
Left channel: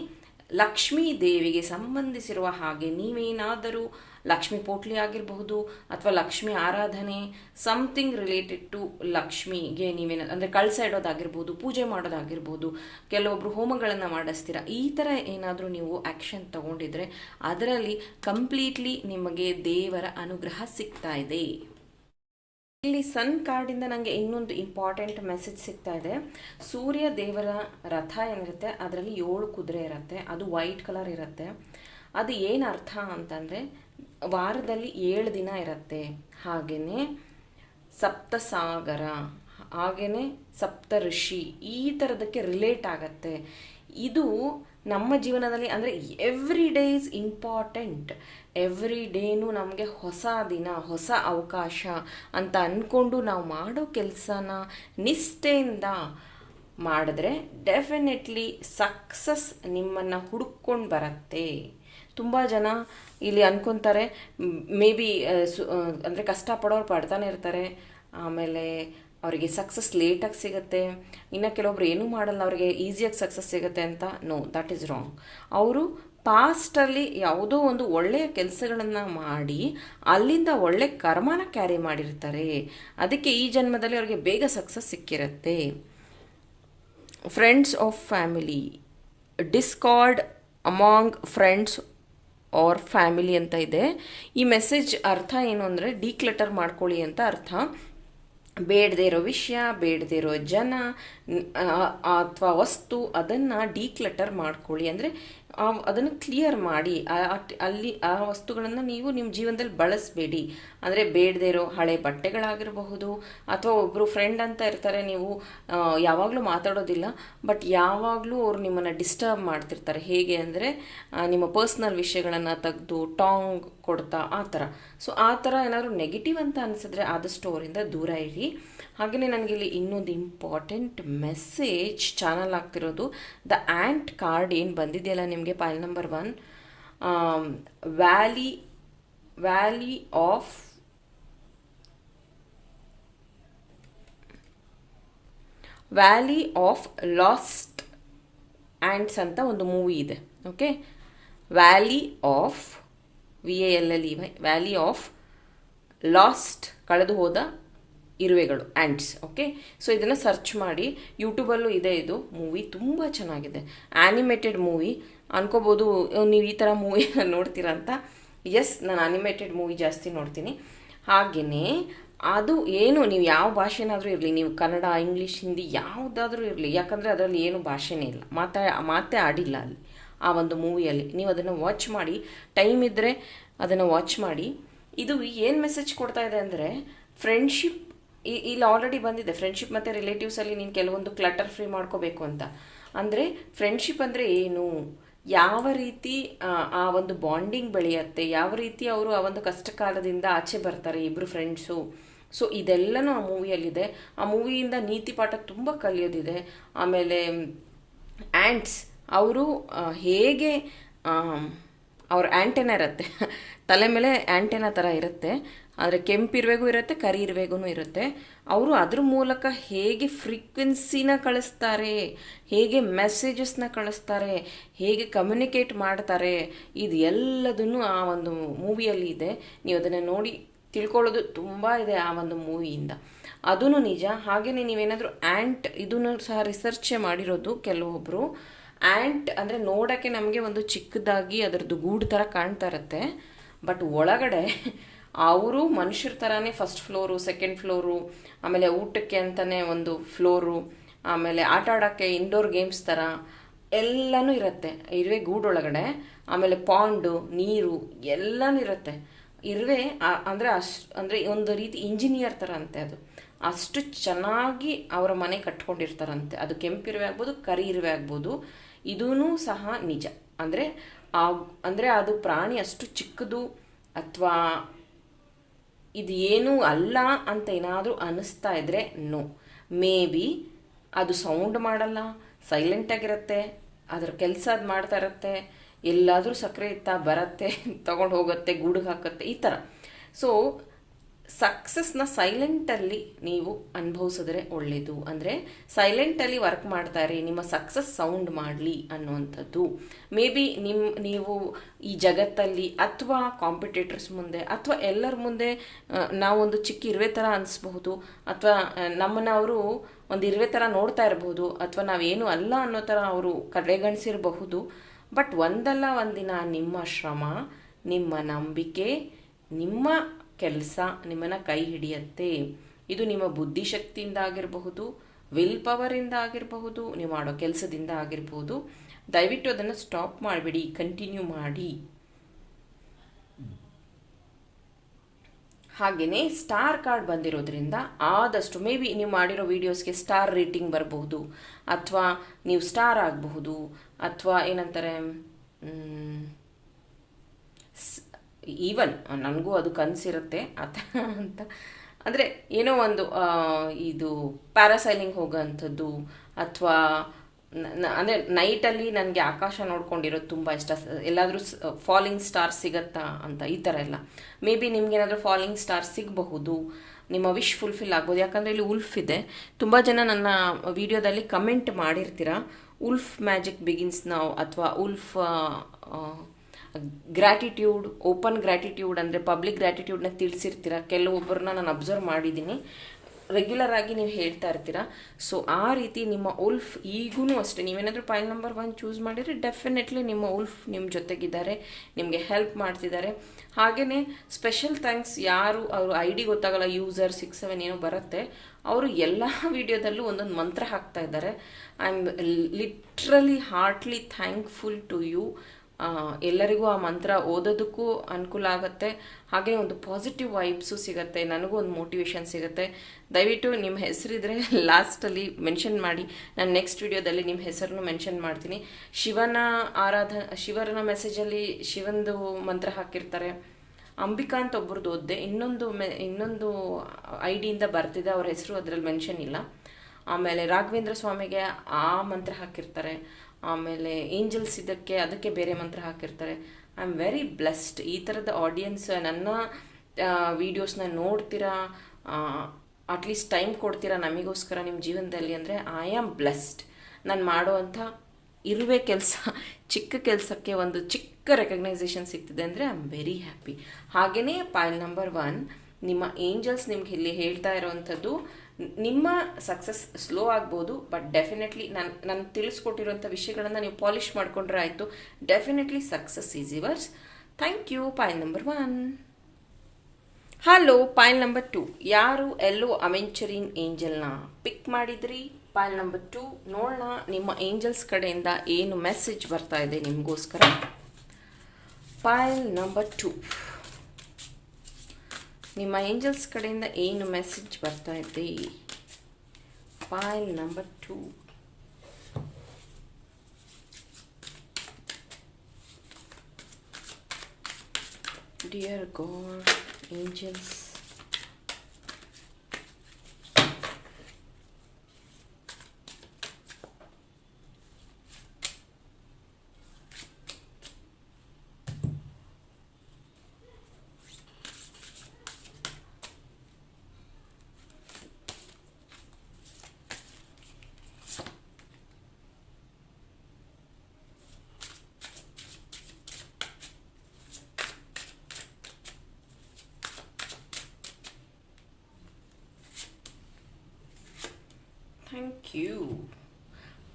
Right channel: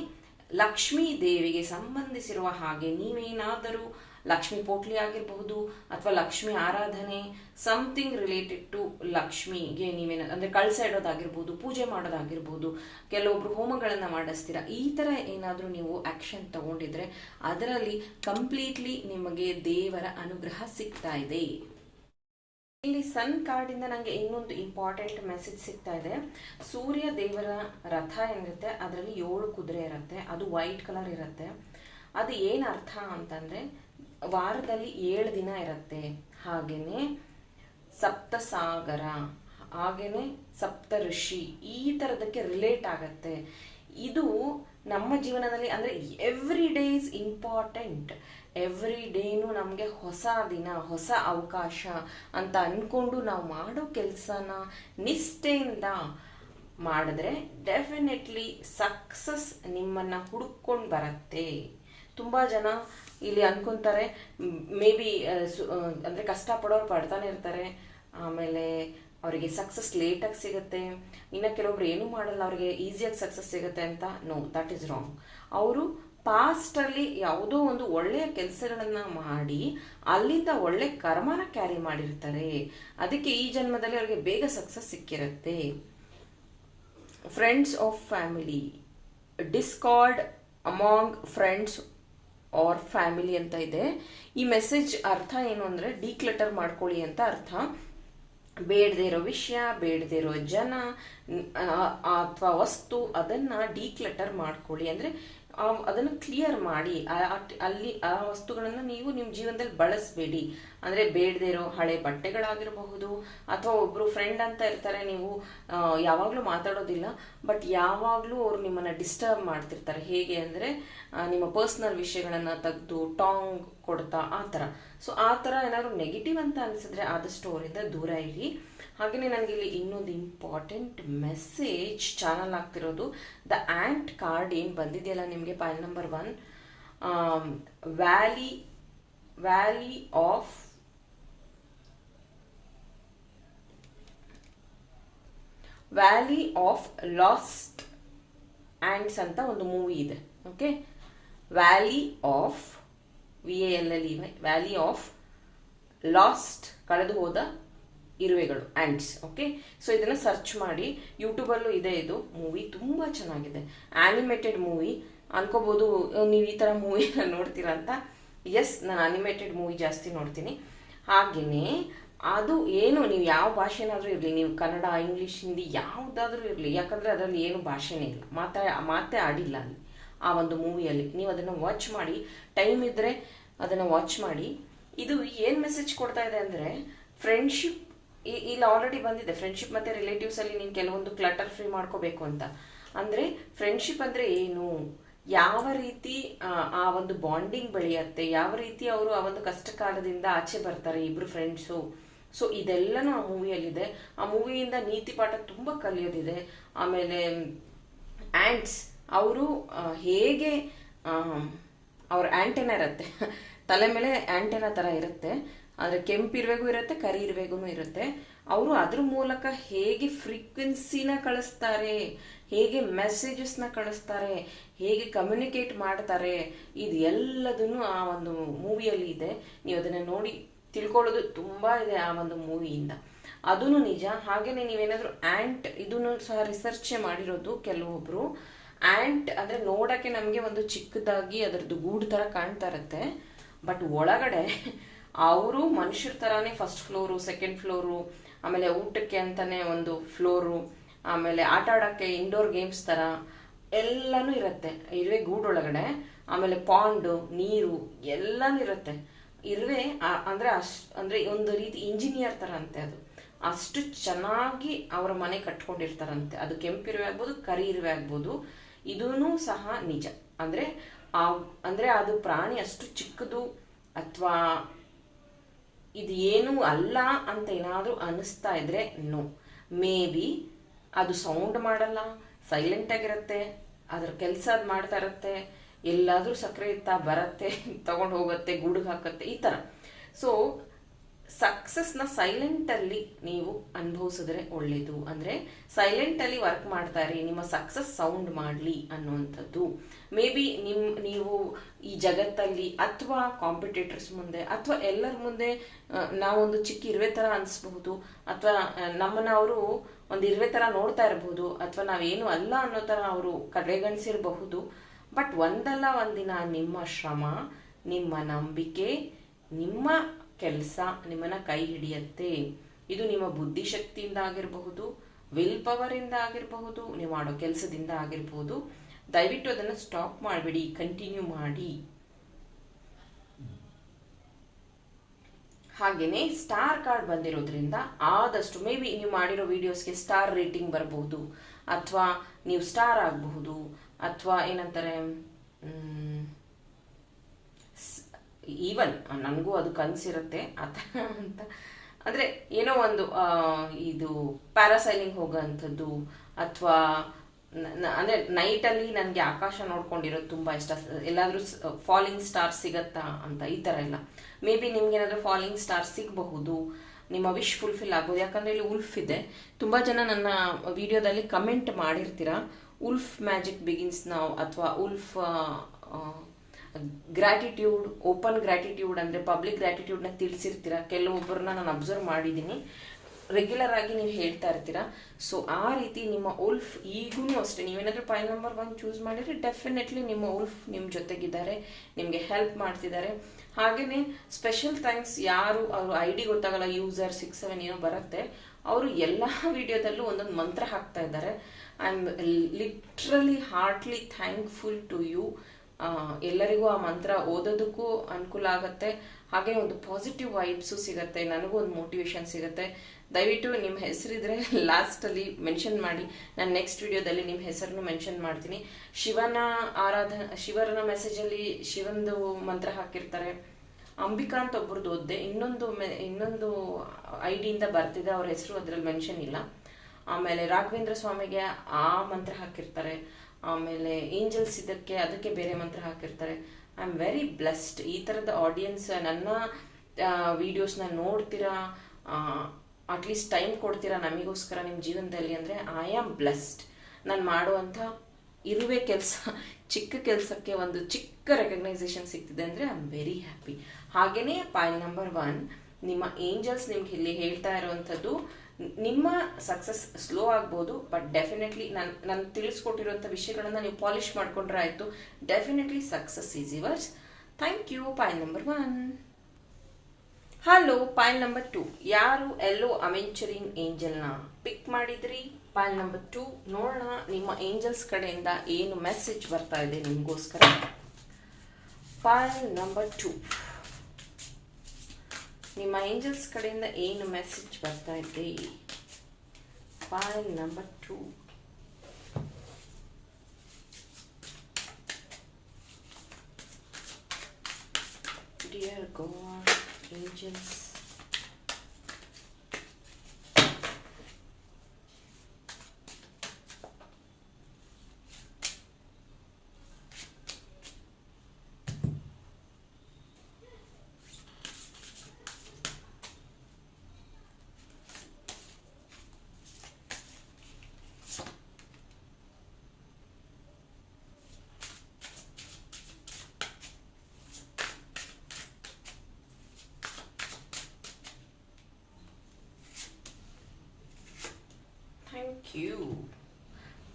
ಲಕ್ಷ್ಮೀ ದೇವಿಗೆ ಸಂಬಂಧಿಸಿರುವ ಹಾಗೆ ನೀವೇನಾದರೂ ಲಕ್ಷ್ಮಿ ಪೋಟ್ಲಿ ಆಗಿರಬಹುದು ಅಥವಾ ಲಕ್ಷ್ಮಿ ಆರಾಧನೆ ಸಮಥಿಂಗ್ ರಿಲೇಟೆಡ್ ಟು ಲಕ್ಷ್ಮಿಗೆ ನೀವೇನ ಅಂದರೆ ಕಳಸ ಇಡೋದಾಗಿರ್ಬೋದು ಪೂಜೆ ಮಾಡೋದಾಗಿರ್ಬೋದು ಕೆಲವೊಬ್ರು ಹೋಮಗಳನ್ನು ಮಾಡಿಸ್ತೀರ ಈ ಥರ ಏನಾದರೂ ನೀವು ಆ್ಯಕ್ಷನ್ ತಗೊಂಡಿದ್ರೆ ಅದರಲ್ಲಿ ಕಂಪ್ಲೀಟ್ಲಿ ನಿಮಗೆ ದೇವರ ಅನುಗ್ರಹ ಸಿಗ್ತಾ ಇದೆ ಇಲ್ಲಿ ಸನ್ ಕಾರ್ಡಿಂದ ನನಗೆ ಇನ್ನೊಂದು ಇಂಪಾರ್ಟೆಂಟ್ ಮೆಸೇಜ್ ಸಿಗ್ತಾ ಇದೆ ಸೂರ್ಯ ದೇವರ ರಥ ಏನಿರುತ್ತೆ ಅದರಲ್ಲಿ ಏಳು ಕುದುರೆ ಇರುತ್ತೆ ಅದು ವೈಟ್ ಕಲರ್ ಇರುತ್ತೆ ಅದು ಏನು ಅರ್ಥ ಅಂತಂದರೆ ವಾರದಲ್ಲಿ ಏಳು ದಿನ ಇರುತ್ತೆ ಹಾಗೆಯೇ ಸಪ್ತಸಾಗರ ಹಾಗೆಯೇ ಸಪ್ತ ಋಷಿ ಈ ಥರದಕ್ಕೆ ರಿಲೇಟ್ ಆಗತ್ತೆ ಇದು ನಮ್ಮ ಜೀವನದಲ್ಲಿ ಅಂದರೆ every day is important every ಡೇನು ನಮಗೆ ಹೊಸ ದಿನ ಹೊಸ ಅವಕಾಶ ಅಂತ ಅಂದ್ಕೊಂಡು ನಾವು ಮಾಡೋ ಕೆಲಸನ ನಿಷ್ಠೆಯಿಂದ ಮಾಡಿದ್ರೆ ಡೆಫಿನೆಟ್ಲಿ ಸಕ್ಸಸ್ ನಿಮ್ಮನ್ನು ಹುಡುಕೊಂಡು ಬರುತ್ತೆ ತುಂಬ ಜನ ಇಲ್ಲಿ ಅನ್ಕೊಂತಾರೆ ಮೇ ಬಿ ಸು ಅಂದರೆ ಕಷ್ಟಪಡೋರು ಪಡ್ತಾನೆ ಇರ್ತಾರೆ ಆಮೇಲೆ ಅವರಿಗೆ ಸಕ್ಸಸ್ ಲೇಟಾಗಿ ಸಿಗುತ್ತೆ ಇನ್ನು ಕೆಲವೊಬ್ರು ಏನು ಮಾಡಲ್ಲ ಅವ್ರಿಗೆ ಈಸಿಯಾಗಿ ಸಕ್ಸಸ್ ಸಿಗುತ್ತೆ ಅಂತ ನೋ ದಟ್ ಈಸ್ ರಾಂಗ್ ಅವರು ಪಾಸ್ಟಲ್ಲಿ ಯಾವುದೋ ಒಂದು ಒಳ್ಳೆಯ ಕೆಲಸಗಳನ್ನು ಮಾಡಿ ಅಲ್ಲಿಂದ ಒಳ್ಳೆ ಕರ್ಮನ ಕ್ಯಾರಿ ಮಾಡಿರ್ತಾರೆ ಅದಕ್ಕೆ ಈ ಜನ್ಮದಲ್ಲಿ ಅವ್ರಿಗೆ ಬೇಗ success ಸಿಕ್ಕಿರುತ್ತೆ friends of family discord among friends or family ಅಂತ ಇದೆ ಈ ಮೆಸೇಜ್ ಅರ್ಥ ಏನು ಅಂದರೆ ಡಿಕ್ಲೆಟರ್ ಮಾಡ್ಕೊಳ್ಳಿ ಅಂತ ಅರ್ಥ ಬೇಡದೆ ಇರೋ ವಿಷಯ ಬೇಡದೆ ಇರೋ ಜನ ಅಥವಾ ವಸ್ತು ಅದನ್ನು ಡಿಕ್ಲೆಟರ್ ಮಾಡ್ಕೊಳ್ಳಿ ಅಂದರೆ ಅದನ್ನು ಕ್ಲಿಯರ್ ಮಾಡಿ ಅಲ್ಲಿ ಆ ವಸ್ತುಗಳನ್ನು ನೀವು ನಿಮ್ಮ ಜೀವನದಲ್ಲಿ ಬಳಸಬೇಡಿ ಅಂದರೆ ಬೇಡದೇ ಇರೋ ಹಳೆ ಬಟ್ಟೆಗಳಾಗಿರಬಹುದು ಅಥವಾ ಒಬ್ಬರು ಫ್ರೆಂಡ್ ಅಂತ ಇರ್ತಾರೆ ನೀವು ಯಾವಾಗಲೂ ಮಾತಾಡೋದಿಲ್ಲ ಬಟ್ ಯಾವಾಗಲೂ ಅವರು ನಿಮ್ಮನ್ನು ಡಿಸ್ಟರ್ಬ್ ಮಾಡ್ತಿರ್ತಾರೆ ಹೇಗೆ ಅಂದರೆ ನಿಮ್ಮ ಪರ್ಸ್ನಲ್ ವಿಷಯಗಳನ್ನು ತೆಗೆದು ಟಾಂಗ್ ಕೊಡ್ತಾ ಆ ಥರ ಸೊ ಆ ಥರ ಏನಾದರೂ ನೆಗೆಟಿವ್ ಅಂತ ಅನಿಸಿದ್ರೆ ಆದಷ್ಟು ಅವರಿಂದ ದೂರ ಇರಿ ಹಾಗೆಯೇ ಇಲ್ಲಿ ಇನ್ನೊಂದು ಇಂಪಾರ್ಟೆಂಟ್ ಮೆಸೇಜ್ ಚಾನಲ್ ಆಗ್ತಿರೋದು ದ ಆ್ಯಂಟ್ ಕಾರ್ಡ್ ಏನು ಬಂದಿದೆಯಲ್ಲ ನಿಮಗೆ pile number one valley valley of valley of lost ants ಅಂತ ಒಂದು ಮೂವಿ ಇದೆ okay valley of V A L L E valley of lost ಕಳೆದು ಹೋದ ಇರುವೆಗಳು ಆ್ಯಂಡ್ಸ್ ಓಕೆ ಸೊ ಇದನ್ನು ಸರ್ಚ್ ಮಾಡಿ ಯೂಟ್ಯೂಬಲ್ಲೂ ಇದೆ ಇದು ಮೂವಿ ತುಂಬ ಚೆನ್ನಾಗಿದೆ ಆ್ಯನಿಮೇಟೆಡ್ ಮೂವಿ ಅನ್ಕೋಬೋದು ನೀವು ಈ ಥರ ಮೂವಿ ನೋಡ್ತೀರ ಅಂತ ಎಸ್ ನಾನು ಅನಿಮೇಟೆಡ್ ಮೂವಿ ಜಾಸ್ತಿ ನೋಡ್ತೀನಿ ಹಾಗೆಯೇ ಅದು ಏನು ನೀವು ಯಾವ ಭಾಷೆನಾದರೂ ಇರಲಿ ನೀವು ಕನ್ನಡ ಇಂಗ್ಲೀಷ್ ಹಿಂದಿ ಯಾವುದಾದ್ರೂ ಇರಲಿ ಯಾಕಂದರೆ ಅದರಲ್ಲಿ ಏನು ಭಾಷೆನೇ ಇಲ್ಲ ಮಾತಾ ಮಾತೇ ಆಡಿಲ್ಲ ಅಲ್ಲಿ ಆ ಒಂದು ಮೂವಿಯಲ್ಲಿ ನೀವು ಅದನ್ನು ವಾಚ್ ಮಾಡಿ ಟೈಮ್ ಇದ್ದರೆ ಅದನ್ನು ವಾಚ್ ಮಾಡಿ ಇದು ಏನು ಮೆಸೇಜ್ ಕೊಡ್ತಾ ಇದೆ ಅಂದರೆ ಫ್ರೆಂಡ್ಶಿಪ್ ಈ ಇಲ್ಲಿ ಆಲ್ರೆಡಿ ಬಂದಿದೆ ಫ್ರೆಂಡ್ಶಿಪ್ ಮತ್ತು ರಿಲೇಟಿವ್ಸಲ್ಲಿ ನೀನು ಕೆಲವೊಂದು ಕ್ಲಟರ್ ಫ್ರೀ ಮಾಡ್ಕೋಬೇಕು ಅಂತ ಅಂದರೆ ಫ್ರೆಂಡ್ಶಿಪ್ ಅಂದರೆ ಏನು ಯಾವ ರೀತಿ ಆ ಒಂದು ಬಾಂಡಿಂಗ್ ಬೆಳೆಯುತ್ತೆ ಯಾವ ರೀತಿ ಅವರು ಆ ಒಂದು ಕಷ್ಟ ಕಾಲದಿಂದ ಆಚೆ ಬರ್ತಾರೆ ಇಬ್ಬರು ಫ್ರೆಂಡ್ಸು ಸೊ ಇದೆಲ್ಲನೂ ಆ ಮೂವಿಯಲ್ಲಿದೆ ಆ ಮೂವಿಯಿಂದ ನೀತಿ ಪಾಠ ತುಂಬ ಕಲಿಯೋದಿದೆ ಆಮೇಲೆ ಆ್ಯಂಟ್ಸ್ ಅವರು ಹೇಗೆ ಅವ್ರ ಆಂಟೆನ ಇರುತ್ತೆ ತಲೆ ಮೇಲೆ ಆ್ಯಂಟೆನ ಥರ ಇರುತ್ತೆ ಅಂದರೆ ಕೆಂಪಿರುವೆಗೂ ಇರುತ್ತೆ ಕರಿ ಇರುವೆಗೂ ಇರುತ್ತೆ ಅವರು ಅದ್ರ ಮೂಲಕ ಹೇಗೆ ಫ್ರೀಕ್ವೆನ್ಸಿನ ಕಳಿಸ್ತಾರೆ ಹೇಗೆ ಮೆಸೇಜಸ್ನ ಕಳಿಸ್ತಾರೆ ಹೇಗೆ ಕಮ್ಯುನಿಕೇಟ್ ಮಾಡ್ತಾರೆ ಇದು ಎಲ್ಲದನ್ನು ಆ ಒಂದು ಮೂವಿಯಲ್ಲಿ ಇದೆ ನೀವು ಅದನ್ನು ನೋಡಿ ತಿಳ್ಕೊಳ್ಳೋದು ತುಂಬ ಇದೆ ಆ ಒಂದು ಮೂವಿಯಿಂದ ಅದೂ ನಿಜ ಹಾಗೆಯೇ ನೀವೇನಾದರೂ ಆ್ಯಂಟ್ ಇದನ್ನು ಸಹ ರಿಸರ್ಚ್ ಮಾಡಿರೋದು ಕೆಲವೊಬ್ಬರು ಆ್ಯಂಟ್ ಅಂದರೆ ನೋಡೋಕ್ಕೆ ನಮಗೆ ಒಂದು ಚಿಕ್ಕದಾಗಿ ಅದರದ್ದು ಗೂಡು ಥರ ಕಾಣ್ತಾ ಇರುತ್ತೆ ಬಟ್ ಒಳಗಡೆ ಅವರು ಮನುಷ್ಯರ ಥರನೇ ಫಸ್ಟ್ ಫ್ಲೋರು ಸೆಕೆಂಡ್ ಫ್ಲೋರು ಆಮೇಲೆ ಊಟಕ್ಕೆ ಅಂತಲೇ ಒಂದು ಫ್ಲೋರು ಆಮೇಲೆ ಆಟ ಆಡೋಕ್ಕೆ ಇಂಡೋರ್ ಗೇಮ್ಸ್ ಥರ ಎಲ್ಲನೂ ಇರುತ್ತೆ ಇರುವೆ ಗೂಡೊಳಗಡೆ ಆಮೇಲೆ ಪಾಂಡು ನೀರು ಎಲ್ಲನೂ ಇರುತ್ತೆ ಇರುವೆ ಅಂದರೆ ಅಷ್ಟು ಅಂದರೆ ಒಂದು ರೀತಿ ಇಂಜಿನಿಯರ್ ಥರ ಅಂತೆ ಅದು ಅಷ್ಟು ಚೆನ್ನಾಗಿ ಅವರ ಮನೆ ಕಟ್ಕೊಂಡಿರ್ತಾರಂತೆ ಅದು ಕೆಂಪಿರುವೆ ಆಗ್ಬೋದು ಕರಿ ಇರುವೆ ಆಗ್ಬೋದು ಇದೂ ಸಹ ನಿಜ ಅಂದರೆ ಆ ಅಂದರೆ ಅದು ಪ್ರಾಣಿ ಅಷ್ಟು ಚಿಕ್ಕದು ಅಥವಾ ಇದು ಏನೂ ಅಲ್ಲ ಅಂತ ಏನಾದರೂ ಅನಿಸ್ತಾ ಇದ್ರೆ ನೋ ಮೇ ಬಿ ಅದು ಸೌಂಡ್ ಮಾಡಲ್ಲ ಸೈಲೆಂಟಾಗಿರುತ್ತೆ ಅದರ ಕೆಲಸ ಅದು ಮಾಡ್ತಾ ಇರುತ್ತೆ ಎಲ್ಲಾದರೂ ಸಕ್ಕರೆ ಇತ್ತ ಬರತ್ತೆ ತಗೊಂಡು ಹೋಗುತ್ತೆ ಗೂಡು ಹಾಕತ್ತೆ ಈ ಥರ ಸೊ ಸಕ್ಸಸ್ನ ಸೈಲೆಂಟಲ್ಲಿ ನೀವು ಅನುಭವಿಸಿದ್ರೆ ಒಳ್ಳೆಯದು ಅಂದರೆ ಸೈಲೆಂಟಲ್ಲಿ ವರ್ಕ್ ಮಾಡ್ತಾ ಇರಿ ನಿಮ್ಮ ಸಕ್ಸಸ್ ಸೌಂಡ್ ಮಾಡಲಿ ಅನ್ನುವಂಥದ್ದು ಮೇ ಬಿ ನಿಮ್ಮ ನೀವು ಈ ಜಗತ್ತಲ್ಲಿ ಅಥವಾ ಕಾಂಪಿಟೇಟರ್ಸ್ ಮುಂದೆ ಅಥವಾ ಎಲ್ಲರ ಮುಂದೆ ನಾವೊಂದು ಚಿಕ್ಕ ಇರುವೆ ಥರ ಅನಿಸ್ಬಹುದು ಅಥವಾ ನಮ್ಮನ್ನ ಅವರು ಒಂದು ಇರುವೆ ಥರ ನೋಡ್ತಾ ಇರಬಹುದು ಅಥವಾ ನಾವೇನು ಅಲ್ಲ ಅನ್ನೋ ಥರ ಅವರು ಕಡೆಗಣಿಸಿರಬಹುದು ಬಟ್ ಒಂದಲ್ಲ ಒಂದಿನ ನಿಮ್ಮ ಶ್ರಮ ನಿಮ್ಮ ನಂಬಿಕೆ ನಿಮ್ಮ ಕೆಲಸ ನಿಮ್ಮನ್ನು ಕೈ ಹಿಡಿಯತ್ತೆ ಇದು ನಿಮ್ಮ ಬುದ್ಧಿಶಕ್ತಿಯಿಂದ ಆಗಿರಬಹುದು ವಿಲ್ ಪವರಿಂದ ಆಗಿರಬಹುದು ನೀವು ಮಾಡೋ ಕೆಲಸದಿಂದ ಆಗಿರಬಹುದು ದಯವಿಟ್ಟು ಅದನ್ನು ಸ್ಟಾಪ್ ಮಾಡಿಬಿಡಿ ಕಂಟಿನ್ಯೂ ಮಾಡಿ ಹಾಗೆಯೇ ಸ್ಟಾರ್ ಕಾರ್ಡ್ ಬಂದಿರೋದ್ರಿಂದ ಆದಷ್ಟು ಮೇ ಬಿ ನೀವು ಮಾಡಿರೋ ವಿಡಿಯೋಸ್ಗೆ ಸ್ಟಾರ್ ರೇಟಿಂಗ್ ಬರಬಹುದು ಅಥವಾ ನೀವು ಸ್ಟಾರ್ ಆಗಬಹುದು ಅಥವಾ ಏನಂತಾರೆ ಈವನ್ ನನಗೂ ಅದು ಕನಸಿರುತ್ತೆ ಅಂತ ಅಂದರೆ ಏನೋ ಒಂದು ಇದು ಪ್ಯಾರಾಸೈಲಿಂಗ್ ಹೋಗೋಂಥದ್ದು ಅಥವಾ ಅಂದರೆ ನೈಟಲ್ಲಿ ನನಗೆ ಆಕಾಶ ನೋಡ್ಕೊಂಡಿರೋದು ತುಂಬ ಇಷ್ಟ ಎಲ್ಲಾದರೂ ಫಾಲಿಂಗ್ ಸ್ಟಾರ್ ಸಿಗತ್ತಾ ಅಂತ ಈ ಥರ ಎಲ್ಲ ಮೇ ಬಿ ನಿಮ್ಗೇನಾದರೂ ಫಾಲಿಂಗ್ ಸ್ಟಾರ್ ಸಿಗಬಹುದು ನಿಮ್ಮ ವಿಶ್ ಫುಲ್ಫಿಲ್ ಆಗ್ಬೋದು ಯಾಕಂದರೆ ಇಲ್ಲಿ ಉಲ್ಫ್ ಇದೆ ತುಂಬ ಜನ ನನ್ನ ವಿಡಿಯೋದಲ್ಲಿ ಕಮೆಂಟ್ ಮಾಡಿರ್ತೀರ ಉಲ್ಫ್ ಮ್ಯಾಜಿಕ್ ಬಿಗಿನ್ಸ್ ನಾವು ಅಥವಾ ಉಲ್ಫ್ ಗ್ರ್ಯಾಟಿಟ್ಯೂಡ್ ಓಪನ್ ಗ್ರ್ಯಾಟಿಟ್ಯೂಡ್ ಅಂದರೆ ಪಬ್ಲಿಕ್ ಗ್ರ್ಯಾಟಿಟ್ಯೂಡ್ನ ತಿಳಿಸಿರ್ತೀರ ಕೆಲವೊಬ್ಬರನ್ನ ನಾನು ಅಬ್ಸರ್ವ್ ಮಾಡಿದ್ದೀನಿ ರೆಗ್ಯುಲರ್ ಆಗಿ ನೀವು ಹೇಳ್ತಾ ಇರ್ತೀರಾ ಸೊ ಆ ರೀತಿ ನಿಮ್ಮ ಉಲ್ಫ್ ಈಗೂ ಅಷ್ಟೇ ನೀವೇನಾದರೂ ಫೈಲ್ ನಂಬರ್ ಒನ್ ಚೂಸ್ ಮಾಡಿದರೆ ಡೆಫಿನೆಟ್ಲಿ ನಿಮ್ಮ ಉಲ್ಫ್ ನಿಮ್ಮ ಜೊತೆಗಿದ್ದಾರೆ ನಿಮಗೆ ಹೆಲ್ಪ್ ಮಾಡ್ತಿದ್ದಾರೆ ಹಾಗೆಯೇ ಸ್ಪೆಷಲ್ ಥ್ಯಾಂಕ್ಸ್ ಯಾರು ಅವರು ಐ ಡಿ ಗೊತ್ತಾಗಲ್ಲ ಯೂಸರ್ ಸಿಕ್ಸ್ ಸೆವೆನ್ ಏನೋ ಬರುತ್ತೆ ಅವರು ಎಲ್ಲ ವಿಡಿಯೋದಲ್ಲೂ ಒಂದೊಂದು ಮಂತ್ರ ಹಾಕ್ತಾ ಇದ್ದಾರೆ I am literally heartly thankful to you ಎಲ್ಲರಿಗೂ ಆ ಮಂತ್ರ ಓದೋದಕ್ಕೂ ಅನುಕೂಲ ಆಗುತ್ತೆ ಹಾಗೆ ಒಂದು ಪಾಸಿಟಿವ್ ವೈಬ್ಸು ಸಿಗುತ್ತೆ ನನಗೂ ಒಂದು ಮೋಟಿವೇಶನ್ ಸಿಗುತ್ತೆ ದಯವಿಟ್ಟು ನಿಮ್ಮ ಹೆಸರಿದ್ರೆ ಲಾಸ್ಟಲ್ಲಿ ಮೆನ್ಷನ್ ಮಾಡಿ ನಾನು ನೆಕ್ಸ್ಟ್ ವಿಡಿಯೋದಲ್ಲಿ ನಿಮ್ಮ ಹೆಸರನ್ನು ಮೆನ್ಷನ್ ಮಾಡ್ತೀನಿ ಶಿವನ ಆರಾಧ ಮೆಸೇಜ್ ಮೆಸೇಜಲ್ಲಿ ಶಿವಂದು ಮಂತ್ರ ಹಾಕಿರ್ತಾರೆ ಅಂಬಿಕಾ ಅಂತ ಒಬ್ರದ್ದು ಓದ್ದೆ ಇನ್ನೊಂದು ಇನ್ನೊಂದು ಐ ಡಿಯಿಂದ ಬರ್ತಿದೆ ಅವ್ರ ಹೆಸರು ಅದರಲ್ಲಿ ಮೆನ್ಷನ್ ಇಲ್ಲ ಆಮೇಲೆ ರಾಘವೇಂದ್ರ ಸ್ವಾಮಿಗೆ ಆ ಮಂತ್ರ ಹಾಕಿರ್ತಾರೆ ಆಮೇಲೆ ಏಂಜಲ್ಸ್ ಇದಕ್ಕೆ ಅದಕ್ಕೆ ಬೇರೆ ಮಂತ್ರ ಹಾಕಿರ್ತಾರೆ ಐ ಆಮ್ ವೆರಿ ಬ್ಲೆಸ್ಡ್ ಈ ಥರದ ಆಡಿಯನ್ಸ್ ನನ್ನ ವೀಡಿಯೋಸ್ನ ನೋಡ್ತೀರಾ ಅಟ್ಲೀಸ್ಟ್ ಟೈಮ್ ಕೊಡ್ತೀರಾ ನಮಗೋಸ್ಕರ ನಿಮ್ಮ ಜೀವನದಲ್ಲಿ ಅಂದರೆ ಐ ಆಮ್ ಬ್ಲೆಸ್ಡ್ ನಾನು ಮಾಡುವಂಥ ಇರುವೆ ಕೆಲಸ ಚಿಕ್ಕ ಕೆಲಸಕ್ಕೆ ಒಂದು ಚಿಕ್ಕ ರೆಕಗ್ನೈಸೇಷನ್ ಸಿಗ್ತಿದೆ ಅಂದರೆ ಐ ಆಮ್ ವೆರಿ ಹ್ಯಾಪಿ ಹಾಗೆಯೇ ಪಾಯಲ್ ನಂಬರ್ ಒನ್ ನಿಮ್ಮ ಏಂಜಲ್ಸ್ ನಿಮ್ಗೆ ಇಲ್ಲಿ ಹೇಳ್ತಾ ಇರುವಂಥದ್ದು ನಿಮ್ಮ ಸಕ್ಸಸ್ ಸ್ಲೋ ಆಗ್ಬೋದು ಬಟ್ ಡೆಫಿನೆಟ್ಲಿ ನಾನು ನಾನು ತಿಳಿಸ್ಕೊಟ್ಟಿರುವಂಥ ವಿಷಯಗಳನ್ನು ನೀವು ಪಾಲಿಷ್ ಮಾಡಿಕೊಂಡ್ರೆ ಆಯಿತು definitely success is yours thank you pile number one hello pile number two ಯಾರು ಎಲ್ಲೋ ಅವೆಂಚರಿನ್ ಏಂಜಲ್ನ ಪಿಕ್ ಮಾಡಿದ್ರಿ ಫೈಲ್ ನಂಬರ್ ಟು ನೋಡೋಣ ನಿಮ್ಮ ಏಂಜಲ್ಸ್ ಕಡೆಯಿಂದ ಏನು ಮೆಸೇಜ್ ಬರ್ತಾ ಇದೆ ನಿಮಗೋಸ್ಕರ ಫೈಲ್ ನಂಬರ್ ಟು निम कड़ी ऐन मेसेज बता पायल नंबर टू डियर गोवा एंजल्स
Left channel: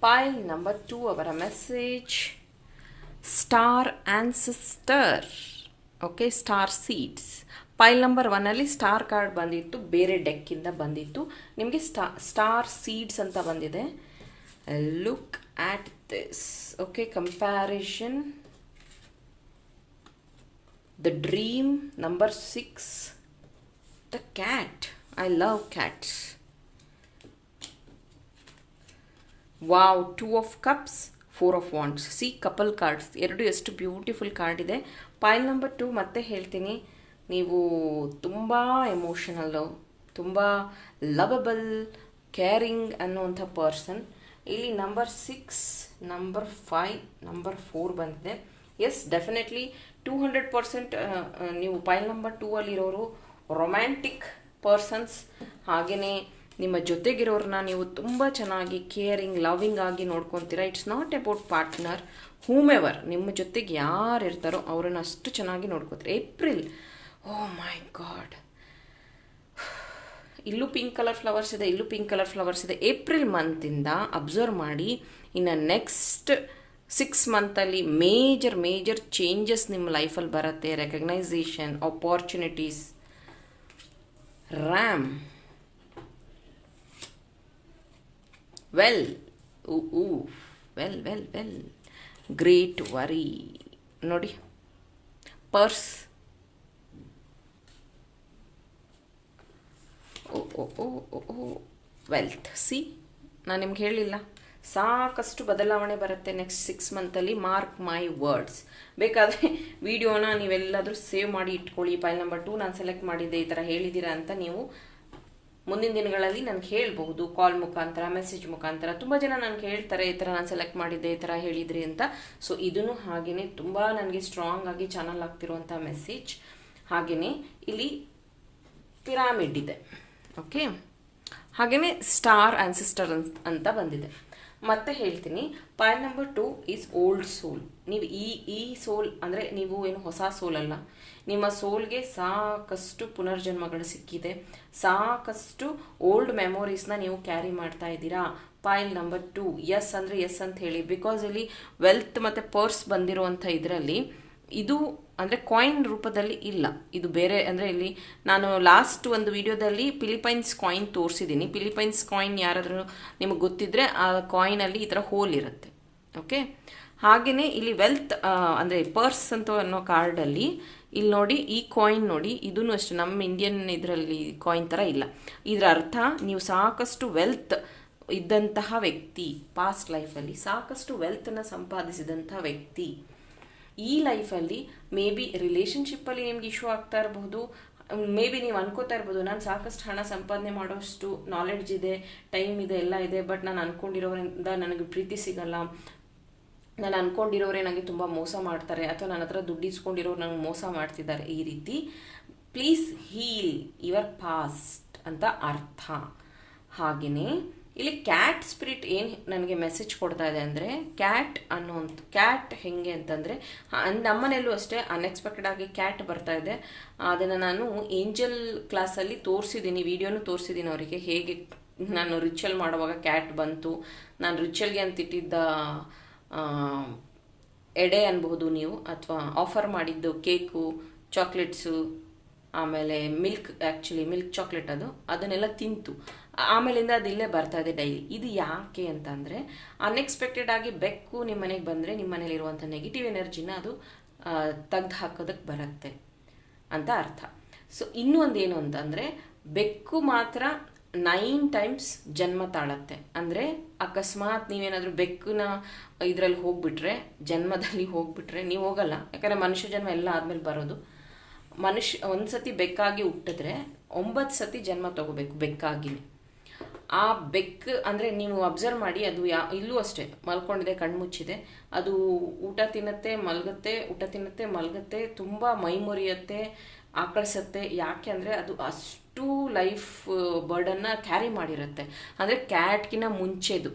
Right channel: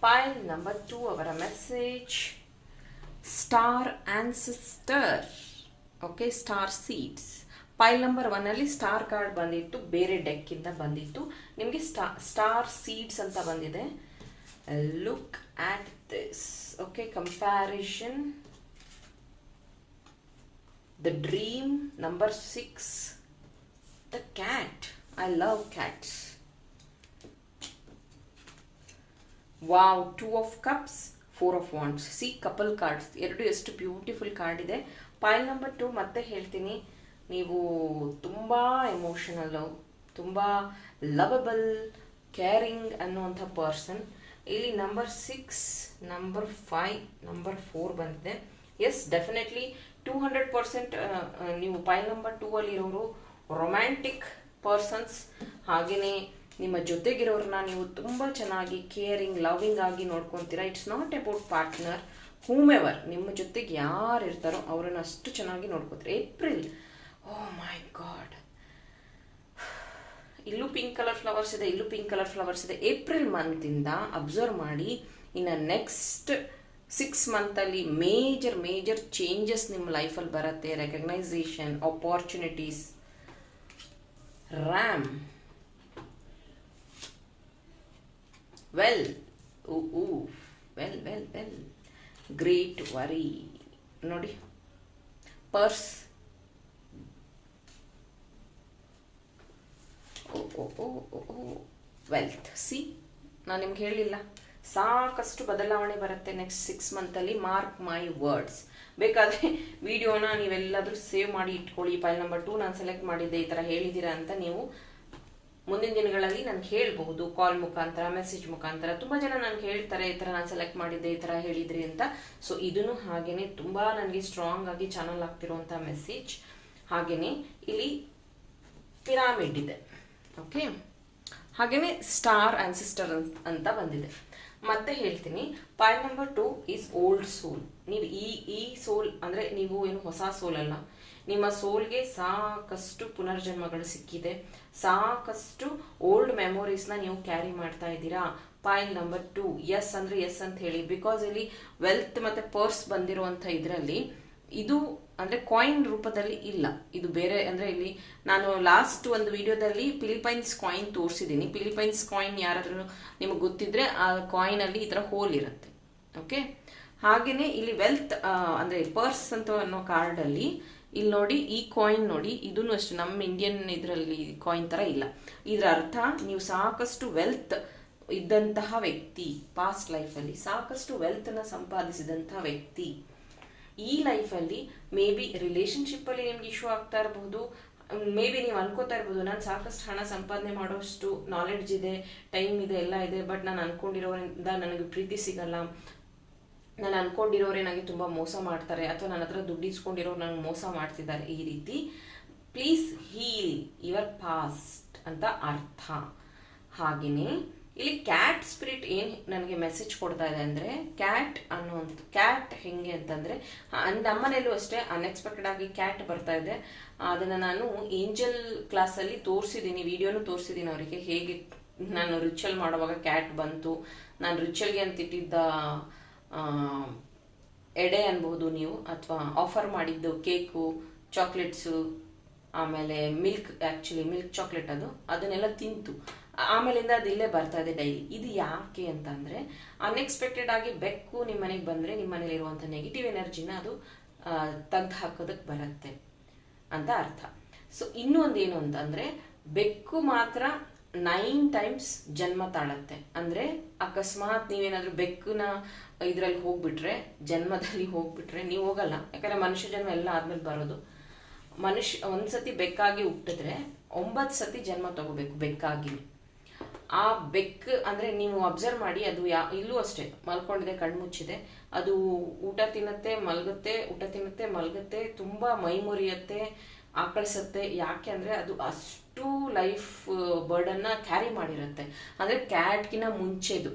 ಫೈಲ್ ನಂಬರ್ 2 ಅವರ message star ancestor okay star seeds pile number ಒನ್ನಲ್ಲಿ ಸ್ಟಾರ್ ಕಾರ್ಡ್ ಬಂದಿತ್ತು ಬೇರೆ ಡೆಕ್ಕಿಂದ ಬಂದಿತ್ತು ನಿಮಗೆ ಸ್ಟಾ ಸ್ಟಾರ್ ಸೀಡ್ಸ್ ಅಂತ ಬಂದಿದೆ look at this okay comparison the dream number six the cat I love cats wow two of cups four of wands see couple cards ಎರಡು ಎಷ್ಟು ಬ್ಯೂಟಿಫುಲ್ ಕಾರ್ಡ್ ಇದೆ ಪೈಲ್ ನಂಬರ್ ಟು ಮತ್ತೆ ಹೇಳ್ತೀನಿ ನೀವು ತುಂಬ ಎಮೋಷನಲ್ಲು ತುಂಬ ಲವಬಲ್ ಕೇರಿಂಗ್ ಅನ್ನುವಂಥ ಪರ್ಸನ್ ಇಲ್ಲಿ number six number five number four ಬಂದಿದೆ yes definitely two hundred percent ನೀವು ಪೈಲ್ ನಂಬರ್ ಟೂ ಅಲ್ಲಿರೋರು ರೊಮ್ಯಾಂಟಿಕ್ ಪರ್ಸನ್ಸ್ ಹಾಗೆಯೇ ನಿಮ್ಮ ಜೊತೆಗಿರೋರನ್ನ ನೀವು ತುಂಬ ಚೆನ್ನಾಗಿ ಕೇರಿಂಗ್ ಲವಿಂಗ್ ಆಗಿ ನೋಡ್ಕೊತೀರಾ it's not about partner ever ನಿಮ್ಮ ಜೊತೆಗೆ ಯಾರು ಇರ್ತಾರೋ ಅವರನ್ನು ಅಷ್ಟು ಚೆನ್ನಾಗಿ ನೋಡ್ಕೋತೀರಿ ಏಪ್ರಿಲ್ ಓ ಮೈ ಗಾಡ್ ಇಲ್ಲೂ ಪಿಂಕ್ ಕಲರ್ ಫ್ಲವರ್ಸ್ ಇದೆ ಇಲ್ಲೂ ಪಿಂಕ್ ಕಲರ್ ಫ್ಲವರ್ಸ್ ಇದೆ ಏಪ್ರಿಲ್ ಮಂತಿಂದ ಅಬ್ಸರ್ವ್ ಮಾಡಿ ಇನ್ನು ನೆಕ್ಸ್ಟ್ ಸಿಕ್ಸ್ ಮಂತಲ್ಲಿ ಮೇಜರ್ ಮೇಜರ್ ಚೇಂಜಸ್ ನಿಮ್ಮ ಲೈಫಲ್ಲಿ ಬರುತ್ತೆ ರೆಕಗ್ನೈಸೇಷನ್ ಆಪರ್ಚುನಿಟೀಸ್ ರ್ಯಾಮ್ ವೆಲ್ ಊ ಊ well well well great worry ನೋಡಿ purse oh oh oh wealth see ನಾನು ನಿಮ್ಗೆ ಹೇಳಿಲ್ಲ ಸಾಕಷ್ಟು ಬದಲಾವಣೆ ಬರುತ್ತೆ ನೆಕ್ಸ್ಟ್ ಸಿಕ್ಸ್ ಮಂತಲ್ಲಿ ಮಾರ್ಕ್ ಮೈ ವರ್ಡ್ಸ್ ಬೇಕಾದ್ರೆ ವಿಡಿಯೋನ ನೀವೆಲ್ಲಾದರೂ ಸೇವ್ ಮಾಡಿ ಇಟ್ಕೊಳ್ಳಿ ಫೈಲ್ ನಂಬರ್ ಟು ನಾನು ಸೆಲೆಕ್ಟ್ ಮಾಡಿದ್ದೆ ಈ ಥರ ಹೇಳಿದ್ದೀರಾ ಅಂತ ನೀವು ಮುಂದಿನ ದಿನಗಳಲ್ಲಿ ನನಗೆ ಹೇಳಬಹುದು ಕಾಲ್ ಮುಖಾಂತರ ಮೆಸೇಜ್ ಮುಖಾಂತರ ತುಂಬ ಜನ ನನಗೆ ಹೇಳ್ತಾರೆ ಈ ಥರ ನಾನು ಸೆಲೆಕ್ಟ್ ಮಾಡಿದ್ದೆ ಈ ಥರ ಹೇಳಿದ್ರಿ ಅಂತ ಸೊ ಇದನ್ನು ಹಾಗೆಯೇ ತುಂಬ ನನಗೆ ಸ್ಟ್ರಾಂಗ್ ಆಗಿ ಚಾನಲ್ ಆಗ್ತಿರುವಂಥ ಮೆಸೇಜ್ ಹಾಗೆಯೇ ಇಲ್ಲಿ ಪಿರಾಮಿಡ್ ಇದೆ ಓಕೆ ಹಾಗೆಯೇ ಸ್ಟಾರ್ ಸಿಸ್ಟರ್ ಅಂತ ಬಂದಿದೆ ಮತ್ತೆ ಹೇಳ್ತೀನಿ point number two is old soul ನೀವು ಈ ಈ ಸೋಲ್ ಅಂದರೆ ನೀವು ಏನು ಹೊಸ ಸೋಲ್ ಅಲ್ಲ ನಿಮ್ಮ ಸೋಲ್ಗೆ ಸಾಕಷ್ಟು ಪುನರ್ಜನ್ಮಗಳು ಸಿಕ್ಕಿದೆ ಸಾಕಷ್ಟು ಓಲ್ಡ್ ನ ನೀವು ಕ್ಯಾರಿ ಮಾಡ್ತಾ ಇದ್ದೀರಾ ಫೈಲ್ ನಂಬರ್ ಟೂ ಎಸ್ ಅಂದ್ರೆ ಎಸ್ ಅಂತ ಹೇಳಿ ಬಿಕಾಸ್ ಇಲ್ಲಿ ವೆಲ್ತ್ ಮತ್ತೆ ಪರ್ಸ್ ಬಂದಿರುವಂತ ಇದರಲ್ಲಿ ಇದು ಅಂದ್ರೆ ಕಾಯಿನ್ ರೂಪದಲ್ಲಿ ಇಲ್ಲ ಇದು ಬೇರೆ ಅಂದ್ರೆ ಇಲ್ಲಿ ನಾನು ಲಾಸ್ಟ್ ಒಂದು ವಿಡಿಯೋದಲ್ಲಿ ಫಿಲಿಪೈನ್ಸ್ ಕಾಯಿನ್ ತೋರಿಸಿದ್ದೀನಿ ಫಿಲಿಪೈನ್ಸ್ ಕಾಯಿನ್ ಯಾರಾದ್ರೂ ನಿಮಗೆ ಗೊತ್ತಿದ್ರೆ ಆ ಅಲ್ಲಿ ಈ ತರ ಹೋಲ್ ಇರುತ್ತೆ ಓಕೆ ಹಾಗೆಯೇ ಇಲ್ಲಿ ವೆಲ್ತ್ ಅಂದ್ರೆ ಪರ್ಸ್ ಅಂತ ಅನ್ನೋ ಕಾರ್ಡಲ್ಲಿ ಇಲ್ಲಿ ನೋಡಿ ಈ ಕಾಯಿನ್ ನೋಡಿ ಇದೂ ಅಷ್ಟೇ ನಮ್ಮ ಇಂಡಿಯನ್ ಇದರಲ್ಲಿ ಕಾಯಿನ್ ಥರ ಇಲ್ಲ ಇದರ ಅರ್ಥ ನೀವು ಸಾಕಷ್ಟು ವೆಲ್ತ್ ಇದ್ದಂತಹ ವ್ಯಕ್ತಿ ಪಾಸ್ಟ್ ಲೈಫಲ್ಲಿ ಸಾಕಷ್ಟು ವೆಲ್ತನ್ನು ಸಂಪಾದಿಸಿದಂಥ ವ್ಯಕ್ತಿ ಈ ಲೈಫಲ್ಲಿ ಮೇ ಬಿ ರಿಲೇಷನ್ಶಿಪ್ಪಲ್ಲಿ ನಿಮ್ಗೆ ಇಶ್ಯೂ ಆಗ್ತಾ ಇರಬಹುದು ಮೇ ಬಿ ನೀವು ಅನ್ಕೋತಾ ಇರ್ಬೋದು ನಾನು ಸಾಕಷ್ಟು ಹಣ ಸಂಪಾದನೆ ಮಾಡೋಷ್ಟು ನಾಲೆಡ್ಜ್ ಇದೆ ಟೈಮ್ ಇದೆ ಎಲ್ಲ ಇದೆ ಬಟ್ ನಾನು ಅಂದ್ಕೊಂಡಿರೋದ್ರಿಂದ ನನಗೆ ಪ್ರೀತಿ ಸಿಗಲ್ಲ ನಾನು ಅನ್ಕೊಂಡಿರೋರೆ ನನಗೆ ತುಂಬ ಮೋಸ ಮಾಡ್ತಾರೆ ಅಥವಾ ನನ್ನ ಹತ್ರ ದುಡ್ಡು ಇಸ್ಕೊಂಡಿರೋರು ನನಗೆ ಮೋಸ ಮಾಡ್ತಿದ್ದಾರೆ ಈ ರೀತಿ ಪ್ಲೀಸ್ ಹೀಲ್ ಯುವರ್ ಪಾಸ್ಟ್ ಅಂತ ಅರ್ಥ ಹಾಗೆಯೇ ಇಲ್ಲಿ ಕ್ಯಾಟ್ ಸ್ಪಿರಿಟ್ ಏನು ನನಗೆ ಮೆಸೇಜ್ ಕೊಡ್ತಾ ಇದೆ ಅಂದರೆ ಕ್ಯಾಟ್ ಅನ್ನುವಂಥ ಕ್ಯಾಟ್ ಹೆಂಗೆ ಅಂತಂದರೆ ನಮ್ಮನೆಯಲ್ಲೂ ಅಷ್ಟೇ ಅನ್ಎಕ್ಸ್ಪೆಕ್ಟೆಡ್ ಆಗಿ ಕ್ಯಾಟ್ ಬರ್ತಾ ಇದೆ ಅದನ್ನು ನಾನು ಏಂಜಲ್ ಕ್ಲಾಸಲ್ಲಿ ತೋರಿಸಿದ್ದೀನಿ ವೀಡಿಯೋನು ತೋರಿಸಿದ್ದೀನಿ ಅವರಿಗೆ ಹೇಗೆ ನಾನು ರಿಚುವಲ್ ಮಾಡುವಾಗ ಕ್ಯಾಟ್ ಬಂತು ನಾನು ರಿಚುವಲ್ಗೆ ಅಂತಿಟ್ಟಿದ್ದ ಎಡೆ ಅನ್ಬೋದು ನೀವು ಅಥವಾ ಆಫರ್ ಮಾಡಿದ್ದು ಕೇಕು ಚಾಕ್ಲೇಟ್ಸು ಆಮೇಲೆ ಮಿಲ್ಕ್ ಆ್ಯಕ್ಚುಲಿ ಮಿಲ್ಕ್ ಚಾಕ್ಲೇಟ್ ಅದು ಅದನ್ನೆಲ್ಲ ತಿಂತು ಆಮೇಲಿಂದ ಅದು ಇಲ್ಲೇ ಬರ್ತಾ ಇದೆ ಡೈಲಿ ಇದು ಯಾಕೆ ಅಂತ ಅಂದರೆ ಅನ್ಎಕ್ಸ್ಪೆಕ್ಟೆಡ್ ಆಗಿ ಬೆಕ್ಕು ನಿಮ್ಮ ಮನೆಗೆ ಬಂದರೆ ನಿಮ್ಮ ಮನೇಲಿರುವಂಥ ನೆಗೆಟಿವ್ ಎನರ್ಜಿನ ಅದು ತೆಗ್ದು ಹಾಕೋದಕ್ಕೆ ಬರುತ್ತೆ ಅಂತ ಅರ್ಥ ಸೊ ಇನ್ನೂ ಒಂದು ಏನು ಅಂತಂದರೆ ಬೆಕ್ಕು ಮಾತ್ರ ನೈನ್ ಟೈಮ್ಸ್ ಜನ್ಮ ತಾಳತ್ತೆ ಅಂದರೆ ಅಕಸ್ಮಾತ್ ನೀವೇನಾದರೂ ಬೆಕ್ಕನ ಇದರಲ್ಲಿ ಹೋಗ್ಬಿಟ್ರೆ ಜನ್ಮದಲ್ಲಿ ಹೋಗ್ಬಿಟ್ರೆ ನೀವು ಹೋಗಲ್ಲ ಯಾಕಂದರೆ ಮನುಷ್ಯ ಜನ್ಮ ಎಲ್ಲ ಆದಮೇಲೆ ಬರೋದು ಮನುಷ್ಯ ಒಂದು ಸತಿ ಬೆಕ್ಕಾಗಿ ಹುಟ್ಟಿದ್ರೆ ಒಂಬತ್ತು ಸತಿ ಜನ್ಮ ತಗೋಬೇಕು ಬೆಕ್ಕಾಗಿ ಆ ಬೆಕ್ಕು ಅಂದರೆ ನೀವು ಅಬ್ಸರ್ವ್ ಮಾಡಿ ಅದು ಯಾ ಇಲ್ಲೂ ಅಷ್ಟೇ ಮಲ್ಕೊಂಡಿದೆ ಕಣ್ಮುಚ್ಚಿದೆ ಅದು ಊಟ ತಿನ್ನತ್ತೆ ಮಲ್ಗತ್ತೆ ಊಟ ತಿನ್ನತ್ತೆ ಮಲಗತ್ತೆ ತುಂಬ ಮೈ ಮುರಿಯತ್ತೆ ಆಕಳಿಸತ್ತೆ ಯಾಕೆ ಅಂದರೆ ಅದು ಅಷ್ಟು ಅಷ್ಟು ಲೈಫ್ ಬರ್ಡನ್ನ ಕ್ಯಾರಿ ಮಾಡಿರುತ್ತೆ ಅಂದರೆ ಕ್ಯಾಟ್ಗಿನ ಮುಂಚೆದು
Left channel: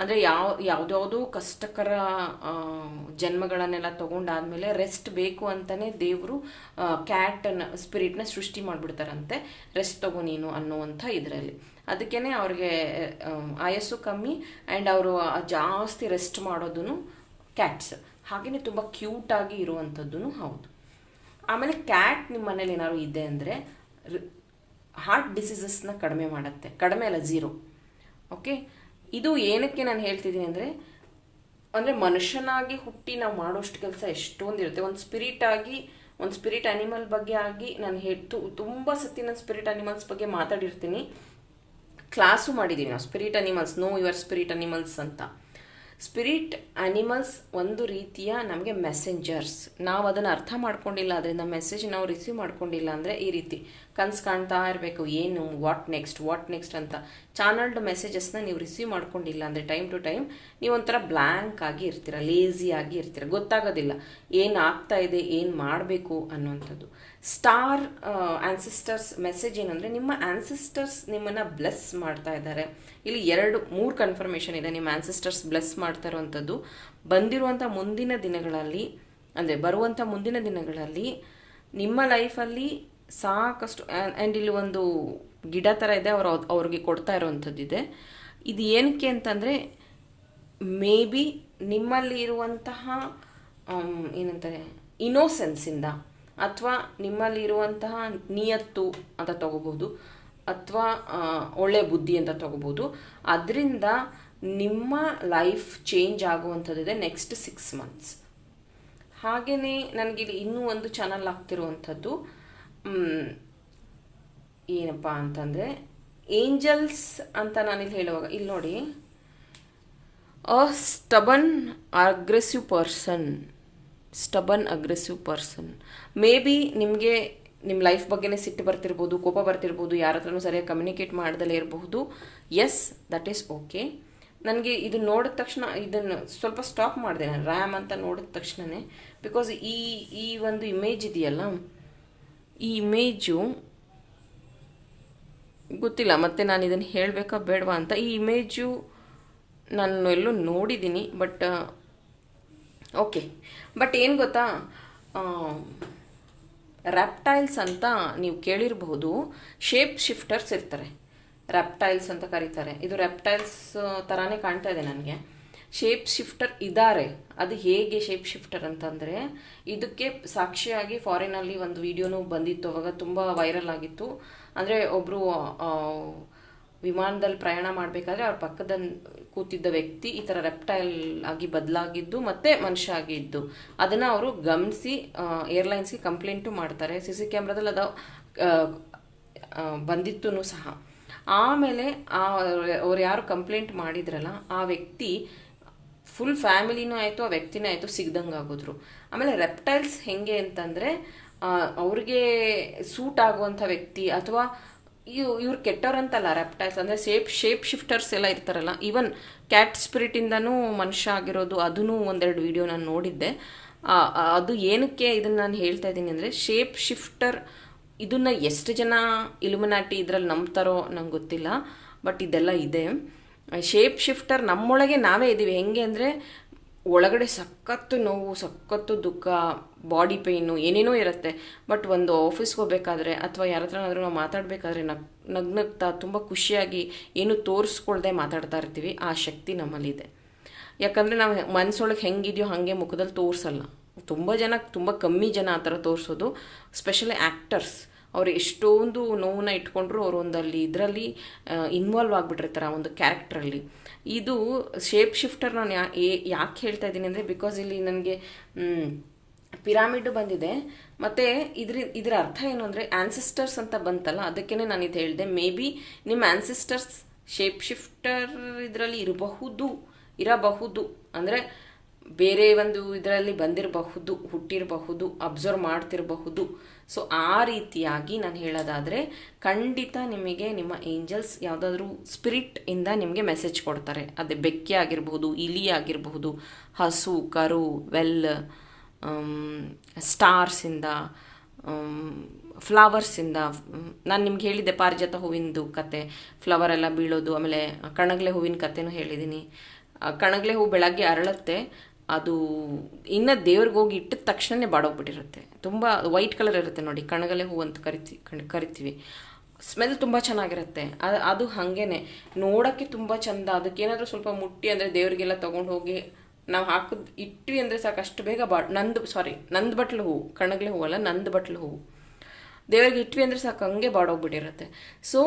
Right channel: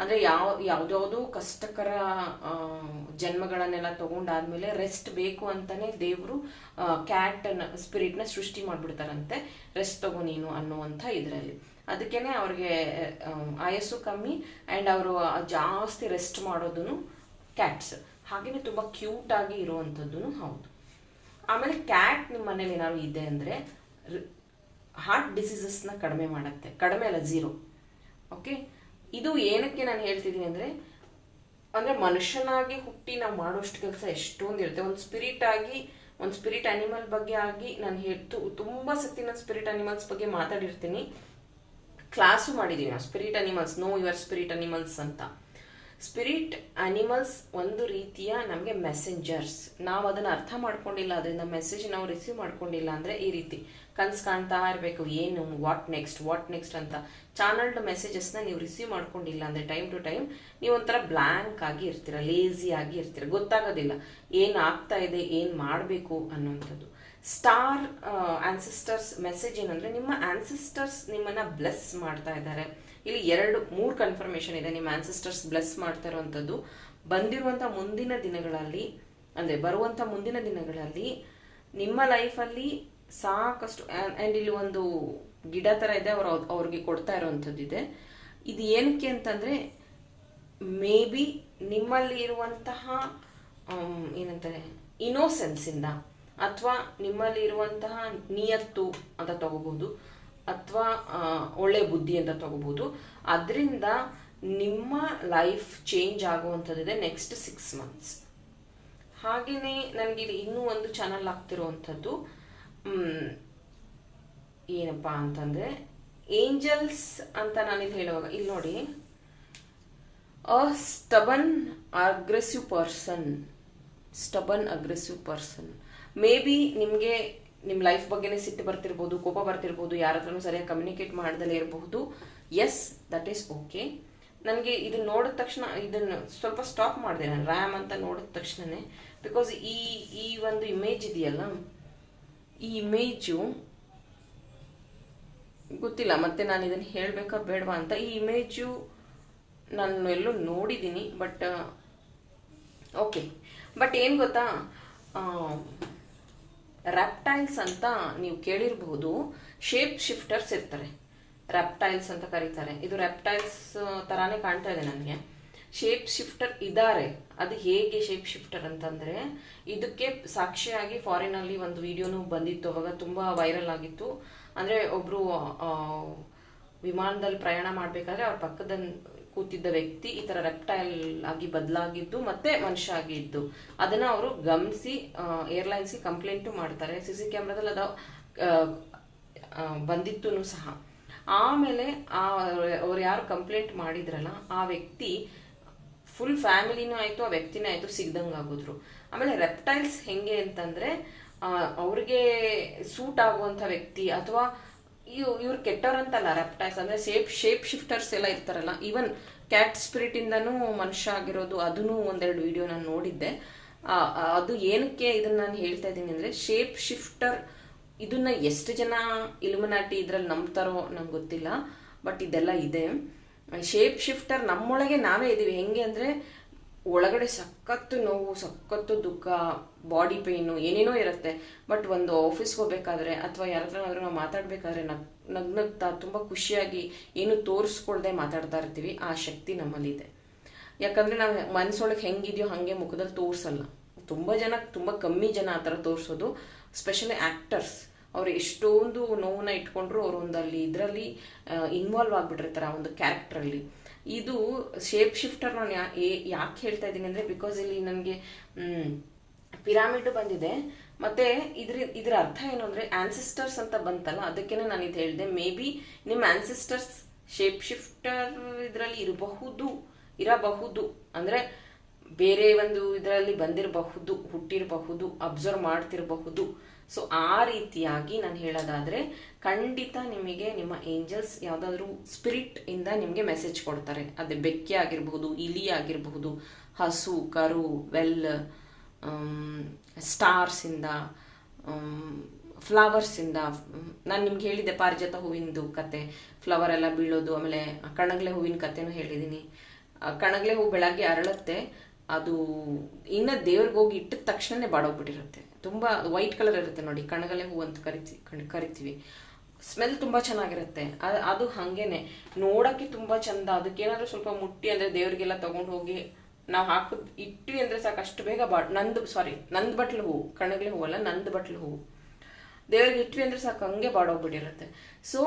ಅಂದರೆ ಯಾವ ಯಾವುದ್ಯಾವುದೋ ಕಷ್ಟಕರ ಜನ್ಮಗಳನ್ನೆಲ್ಲ ತಗೊಂಡಾದ್ಮೇಲೆ ರೆಸ್ಟ್ ಬೇಕು ಅಂತಲೇ ದೇವರು ಕ್ಯಾಟನ್ನು ಸ್ಪಿರಿಟ್ನ ಸೃಷ್ಟಿ ಮಾಡಿಬಿಡ್ತಾರಂತೆ ರೆಸ್ಟ್ ತಗೋ ನೀನು ಅನ್ನುವಂಥ ಇದರಲ್ಲಿ ಅದಕ್ಕೇ ಅವ್ರಿಗೆ ಆಯಸ್ಸು ಕಮ್ಮಿ ಆ್ಯಂಡ್ ಅವರು ಜಾಸ್ತಿ ರೆಸ್ಟ್ ಮಾಡೋದೂ ಕ್ಯಾಟ್ಸ್ ಹಾಗೆಯೇ ತುಂಬ ಕ್ಯೂಟಾಗಿ ಇರುವಂಥದ್ದು ಹೌದು ಆಮೇಲೆ ಕ್ಯಾಟ್ ನಿಮ್ಮ ಮನೇಲಿ ಏನಾದ್ರು ಇದೆ ಅಂದರೆ ಹಾರ್ಟ್ ಡಿಸೀಸಸ್ನ ಕಡಿಮೆ ಮಾಡುತ್ತೆ ಕಡಿಮೆ ಅಲ್ಲ ಝೀರೋ ಓಕೆ ಇದು ಏನಕ್ಕೆ ನಾನು ಹೇಳ್ತಿದ್ದೀನಿ ಅಂದರೆ ಅಂದರೆ ಮನುಷ್ಯನಾಗಿ ಹುಟ್ಟಿ ನಾವು ಮಾಡೋಷ್ಟು ಕೆಲಸ ಎಷ್ಟೊಂದು ಇರುತ್ತೆ ಒಂದು ಸ್ಪಿರಿಟ್ ಆಗಿ ಒಂದು ಸ್ಪಿರಿಟ್ ಅನಿಮಲ್ ಬಗ್ಗೆ ಆಗಿ ನಾನು ಹೇಳ್ತು ತುಂಬ ಸತಿ ನಾನು ಸ್ಪಿರಿಟ್ ಅನಿಮಲ್ಸ್ ಬಗ್ಗೆ ಮಾತಾಡಿರ್ತೀನಿ ಕ್ಲಾಸು ಮಾಡಿದ್ದೀವಿ ನಾವು spirit animals know your spirit animals ಅಂತ ಸ್ಪಿರಿಟ್ ಅನಿಮಲ್ಸ್ ಒಂದು ರೀತಿಯ ನಮಗೆ ಮೆಸೆಂಜರ್ಸ್ ನಾವು ಅದನ್ನು ಅರ್ಥ ಮಾಡ್ಕೊಂಡಿಲ್ಲ ಅದರಿಂದ ಮೆಸೇಜ್ ನಾವು ರಿಸೀವ್ ಮಾಡ್ಕೊಂಡಿಲ್ಲ ಅಂದರೆ ಈ ರೀತಿ ಕನ್ಸು ಕಾಣ್ತಾ ಇರಬೇಕು ಏನು ವಾಟ್ ನೆಕ್ಸ್ಟ್ ವಾಟ್ ನೆಕ್ಸ್ಟ್ ಅಂತ ಚಾನಲ್ಡ್ ಮೆಸೇಜಸ್ನ ನೀವು ರಿಸೀವ್ ಮಾಡ್ಕೊಂಡಿಲ್ಲ ಅಂದರೆ ಟೈಮ್ ಟು ಟೈಮ್ ನೀವು ಒಂಥರ ಬ್ಲ್ಯಾಂಕ್ ಆಗಿ ಇರ್ತೀರ ಲೇಸಿ ಆಗಿ ಇರ್ತೀರ ಗೊತ್ತಾಗೋದಿಲ್ಲ ಏನು ಆಗ್ತಾ ಇದೆ ಏನು ಮಾಡಬೇಕು ಅನ್ನೋವಂಥದ್ದು ಸ್ಟಾರ್ ಆನ್ಸಿಸ್ಟರ್ಸ್ ಮೆಸೇಜ್ ಏನಂದರೆ ನಿಮ್ಮ ಆನ್ಸಿಸ್ಟರ್ಸ್ ನಿಮ್ಮನ್ನು ಬ್ಲೆಸ್ ಮಾಡ್ತಾ ಇದ್ದಾರೆ ಇಲ್ಲಿ ಎರಡು ಮೂರು ಕನ್ಫರ್ಮೇಷನ್ ಇದೆ ನಿಮ್ಮ ಆನ್ಸಿಸ್ಟರ್ಸ್ ಬ್ಲೆಸ್ ಮಾಡ್ತಾ ಇರುವಂಥದ್ದು ಬಂದಿರುವಂಥ ಮುಂದಿನ ದಿನಗಳಲ್ಲಿ ಅಂದರೆ ಬರುವಂಥ ಮುಂದಿನ ದಿನಗಳಲ್ಲಿ ನಿಮ್ಮ ಲೈಫಲ್ಲಿ ಸಾಕಷ್ಟು ಆ್ಯಂಡ್ ಇಲ್ಲಿ ಒಂದು ಗಿಡ ಥರ ಇದೆ ಅವರು ಅವ್ರಿಗೆ ಕೊಡ್ತಾ ಇರೋವಂಥದ್ದಿದೆ ಇದು ಏನಕ್ಕೆ ಅಂತಂದರೆ ಮೇ ಬಿ ನಿಮ್ಮಲ್ಲಿ ಇರುವಂತಹ um, ಏನಂತಾರೆ ಇನೋಸೆನ್ಸಿಂದ ಅಥವಾ ನಿಮ್ಮಲ್ಲಿ ಇರುವಂತಹ ನಿಯತ್ತು ಅಂತ ತಗೋಬಹುದು ಅಥವಾ ಒಳ್ಳೆ ಬುದ್ಧಿ ಅಂತ ತಗೋಬಹುದು ಅದರಿಂದ ನಿಮ್ಮ ಲೈಫ್ ಚೇಂಜ್ ಆಗುವಂಥದ್ದಿದೆ ನೆಕ್ಸ್ಟ್ ಸಿಕ್ಸ್ ಮಂತ್ಸ್ ಹಾಗೆಯೇ ನನಗಿಲ್ಲಿ ಇನ್ನೂ ಒಂದು ಚಾನಲ್ ಆಗ್ತಿರುವಂಥದ್ದು ಏನಪ್ಪ ಅಂತಂದರೆ ಏಂಜಲ್ಸ್ ಅಂತ ನಾನಿಲ್ಲಿ ಹೇಳುವಾಗ ಇಲ್ಲಿ ನೋಡಿ a stubborn aggressive person stubborn aggressive person maybe ನಿಮಗೆ ನಿಮ್ಮ ಲೈಫ್ ಬಗ್ಗೆನೇ ಸಿಟ್ಟು ಬರ್ತಿರ್ಬೋದು ಕೋಪ ಬರ್ತಿರ್ಬೋದು ಯಾರ ಹತ್ರನೂ ಸರಿಯಾಗಿ ಕಮ್ಯುನಿಕೇಟ್ ಮಾಡ್ದಲೇ ಇರಬಹುದು ಎಸ್ ದಟ್ ಈಸ್ ಓಕೆ ನನಗೆ ಇದು ನೋಡಿದ ತಕ್ಷಣ ಇದನ್ನು ಸ್ವಲ್ಪ ಸ್ಟಾಪ್ ಮಾಡಿದೆ ನಾನು ರ್ಯಾಮ್ ಅಂತ ನೋಡಿದ ತಕ್ಷಣವೇ ಬಿಕಾಸ್ ಈ ಈ ಒಂದು ಇಮೇಜ್ ಇದೆಯಲ್ಲ ಈ ಇಮೇಜು ಗೊತ್ತಿಲ್ಲ ಮತ್ತೆ ನಾನು ಇದನ್ನು ಹೇಳಬೇಕಾ ಬೇಡವಾ ಅಂತ ಈ ಇಮೇಜು ನಾನು ಎಲ್ಲೂ ನೋಡಿದ್ದೀನಿ ಬಟ್ ಓಕೆ ಬಟ್ ಏನು ಗೊತ್ತಾ ರ್ಯಾಪ್ಟೈಲ್ಸ್ ಅಂತ ನೀವು ಕೇಳಿರಬಹುದು ಶೇಪ್ ಶಿಫ್ಟರ್ಸ್ ಇರ್ತಾರೆ ರ್ಯಾಪ್ಟೈಲ್ಸ್ ಅಂತ ಕರೀತಾರೆ ಇದು ರ್ಯಾಪ್ಟೈಲ್ಸ್ ತರಾನೇ ಕಾಣ್ತಾ ಇದೆ ನನಗೆ ಶೇಪ್ ಶಿಫ್ಟರ್ ಇದ್ದಾರೆ ಅದು ಹೇಗೆ ಶೇಪ್ ಶಿಫ್ಟರ್ ಅಂತಂದರೆ ಇದಕ್ಕೆ ಸಾಕ್ಷಿಯಾಗಿ ಅಲ್ಲಿ ಒಂದು ವಿಡಿಯೋನು ಬಂದಿತ್ತು ಅವಾಗ ತುಂಬ ವೈರಲ್ ಆಗಿತ್ತು ಅಂದರೆ ಒಬ್ಬರು ವಿಮಾನದಲ್ಲಿ ಪ್ರಯಾಣ ಮಾಡಬೇಕಾದ್ರೆ ಅವ್ರ ಪಕ್ಕದ ಕೂತಿದ್ದ ವ್ಯಕ್ತಿ ಈ ಥರ ರೆಪ್ಟೈಲ್ ಆಗಿ ಬದಲಾಗಿದ್ದು ಮತ್ತೆ ಮನುಷ್ಯ ಆಗಿದ್ದು ಅದನ್ನು ಅವರು ಗಮನಿಸಿ ಏರ್ಲೈನ್ಸ್ಗೆ ಕಂಪ್ಲೇಂಟು ಮಾಡ್ತಾರೆ ಸಿ ಸಿ ಕ್ಯಾಮ್ರಾದಲ್ಲಿ ಅದು ಬಂದಿತ್ತು ಸಹ ಆಮೇಲೆ ಅವ್ರು ಯಾರು ಕಂಪ್ಲೇಂಟ್ ಮಾಡಿದ್ರಲ್ಲ ಆ ವ್ಯಕ್ತಿ ಫುಲ್ ಫ್ಯಾಮಿಲಿನೂ ಆಯಿತು ಆ ವ್ಯಕ್ತಿನೇ ಆಯಿತು ಸಿಗ್ದಂಗೆ ಆಗೋದ್ರು ಆಮೇಲೆ ರೆಪ್ಟೈಲ್ಸ್ ಹೆಂಗೆ ಅಂತಂದರೆ ಅವ್ರಿಗೆ ಸೂಟ್ ಆಗುವಂಥ ವ್ಯಕ್ತಿ ಅಥವಾ ಇವ್ ಇವ್ರು ಕೆಟ್ಟವ್ರಂತಲ್ಲ ರೆಪ್ಟೈಲ್ಸ್ ಅಂದರೆ ಶೇಪ್ ಶೇಪ್ ಶಿಫ್ಟರ್ಸ್ ಎಲ್ಲ ಇರ್ತಾರಲ್ಲ ಈವನ್ ಕ್ಯಾಟ್ ಸ್ಪಿರಿಟಿಂದನೂ ಮನುಷ್ಯ ಆಗಿರೋದು ಅದೂ ಒಂದೆರಡು ವಿಡಿಯೋ ನಾನು ನೋಡಿದ್ದೆ ಅದು ಏನಕ್ಕೆ ಇದನ್ನು ನಾನು ಹೇಳ್ತಾ ಇದ್ದೀನಿ ಅಂದರೆ ಶೇಪ್ ಶಿಫ್ಟರ್ ಇದನ್ನು ಎಷ್ಟು ಜನ ಇಲುಮಿನಾಟಿ ಇದರಲ್ಲಿ ನಂಬ್ತಾರೋ ನಂಗೆ ಗೊತ್ತಿಲ್ಲ ಬಟ್ ಇದೆಲ್ಲ ಇದೆ ಶೇಪ್ ಶಿಫ್ಟರ್ ನಮ್ಮೊಳಗೆ ನಾವೇ ಇದ್ದೀವಿ ಹೆಂಗೆ ಅಂದರೆ ಒಳಗಡೆ ಸಖತ್ತು ನೋವು ಸಖತ್ತು ದುಃಖ ಬಾಡಿ ಪೇಯ್ನು ಏನೇನೋ ಇರುತ್ತೆ ಬಟ್ ಒಂದು ಆಫೀಸ್ಗೆ ಹೋಗ್ಬೇಕಾದ್ರೆ ಅಥವಾ ಯಾರ ಹತ್ರ ನಾವು ಮಾತಾಡಬೇಕಾದ್ರೆ ನಗ್ ನಗ್ನಗ್ತಾ ತುಂಬ ಖುಷಿಯಾಗಿ ಏನು ತೋರಿಸ್ಕೊಳ್ದೆ ಮಾತಾಡ್ತಾ ಇರ್ತೀವಿ ಆ ಶಕ್ತಿ ನಮ್ಮಲ್ಲಿದೆ ಯಾಕಂದರೆ ನಾವು ಮನಸ್ಸೊಳಗೆ ಹೆಂಗಿದೆಯೋ ಹಾಗೆ ಮುಖದಲ್ಲಿ ತೋರಿಸಲ್ಲ ತುಂಬ ಜನ ತುಂಬ ಕಮ್ಮಿ ಜನ ಆ ಥರ ತೋರಿಸೋದು ಸ್ಪೆಷಲಿ ಆ್ಯಕ್ಟರ್ಸ್ ಅವ್ರು ಎಷ್ಟೊಂದು ನೋವನ್ನ ಇಟ್ಕೊಂಡ್ರು ಅವ್ರು ಅಲ್ಲಿ ಇದರಲ್ಲಿ ಇನ್ವಾಲ್ವ್ ಆಗ್ಬಿಟ್ಟಿರ್ತಾರೆ ಆ ಒಂದು ಕ್ಯಾರೆಕ್ಟ್ರಲ್ಲಿ ಇದು ಶೇಪ್ ಶಿಫ್ಟರ್ ನಾನು ಯಾ ಯಾಕೆ ಹೇಳ್ತಾ ಇದ್ದೀನಿ ಅಂದರೆ ಬಿಕಾಸ್ ಇಲ್ಲಿ ನನಗೆ ಪಿರಾಮಿಡ್ ಬಂದಿದೆ ಮತ್ತು ಇದ್ರ ಇದರ ಅರ್ಥ ಏನು ಅಂದರೆ ಆನ್ಸಿಸ್ಟರ್ಸ್ ಅಂತ ಬಂತಲ್ಲ ಅದಕ್ಕೇ ನಾನು ಇದು ಹೇಳಿದೆ ಮೇ ಬಿ ನಿಮ್ಮ ಆನ್ಸಿಸ್ಟರ್ಸ್ ಶೇಪ್ ಶಿಫ್ಟರ್ ಇದರಲ್ಲಿ ಇರಬಹುದು ಇರಬಹುದು ಅಂದರೆ ಬೇರೆ ಒಂದು ಇದರಲ್ಲಿ ಬಂದಿರಬಹುದು ಹುಟ್ಟಿರಬಹುದು ಅಬ್ಸರ್ವ್ ಮಾಡ್ತಿರಬಹುದು ಸೊ ಆ ರೀತಿಯಾಗಿ ನಾನು ಹೇಳೋದಾದರೆ ಖಂಡಿತ ನಿಮಗೆ ನಿಮ್ಮ ಏಂಜಲ್ಸ್ ಯಾವುದಾದ್ರೂ ಸ್ಪಿರಿಟ್ ಇಂದ ನಿಮಗೆ ಮೆಸೇಜ್ ಕೊಡ್ತಾರೆ ಅದೇ ಬೆಕ್ಕೆ ಆಗಿರ್ಬೋದು ಇಲಿ ಆಗಿರಬಹುದು ಹಸು ಕರು ವೆಲ್ ಸ್ಟಾರ್ಸಿಂದ ಫ್ಲವರ್ಸಿಂದ ನಾನು ನಿಮ್ಗೆ ಹೇಳಿದ್ದೆ ಪಾರಿಜಾತ ಹೂವಿಂದು ಕತೆ ಫ್ಲವರ್ ಎಲ್ಲ ಬೀಳೋದು ಆಮೇಲೆ ಕಣಗಲೆ ಹೂವಿನ ಕತೆನೂ ಹೇಳಿದ್ದೀನಿ ಕಣಗಲೆ ಹೂವು ಬೆಳಗ್ಗೆ ಅರಳುತ್ತೆ ಅದು ಇನ್ನೂ ದೇವ್ರಿಗೆ ಹೋಗಿ ಇಟ್ಟಿದ ತಕ್ಷಣವೇ ಬಾಡೋಗ್ಬಿಟ್ಟಿರುತ್ತೆ ತುಂಬ ವೈಟ್ ಕಲರ್ ಇರುತ್ತೆ ನೋಡಿ ಕಣಗಲೆ ಹೂ ಅಂತ ಕರಿತಿ ಕರಿತೀವಿ ಸ್ಮೆಲ್ ತುಂಬ ಚೆನ್ನಾಗಿರುತ್ತೆ ಅದು ಅದು ಹಾಗೇನೆ ನೋಡೋಕ್ಕೆ ತುಂಬ ಚೆಂದ ಅದಕ್ಕೇನಾದರೂ ಸ್ವಲ್ಪ ಮುಟ್ಟಿ ಅಂದರೆ ದೇವರಿಗೆಲ್ಲ ತೊಗೊಂಡು ಹೋಗಿ ನಾವು ಹಾಕಿದ್ ಇಟ್ವಿ ಅಂದರೆ ಸಾಕು ಅಷ್ಟು ಬೇಗ ಬಾ ನಂದು ಸಾರಿ ನಂದು ಬಟ್ಲು ಹೂವು ಕಣಗಲೆ ಹೂವಲ್ಲ ನಂದು ಬಟ್ಲು ಹೂವು ದೇವರಿಗೆ ಇಟ್ವಿ ಅಂದರೆ ಸಾಕು ಹಂಗೆ ಬಾಡೋಗ್ಬಿಟ್ಟಿರುತ್ತೆ ಸೊ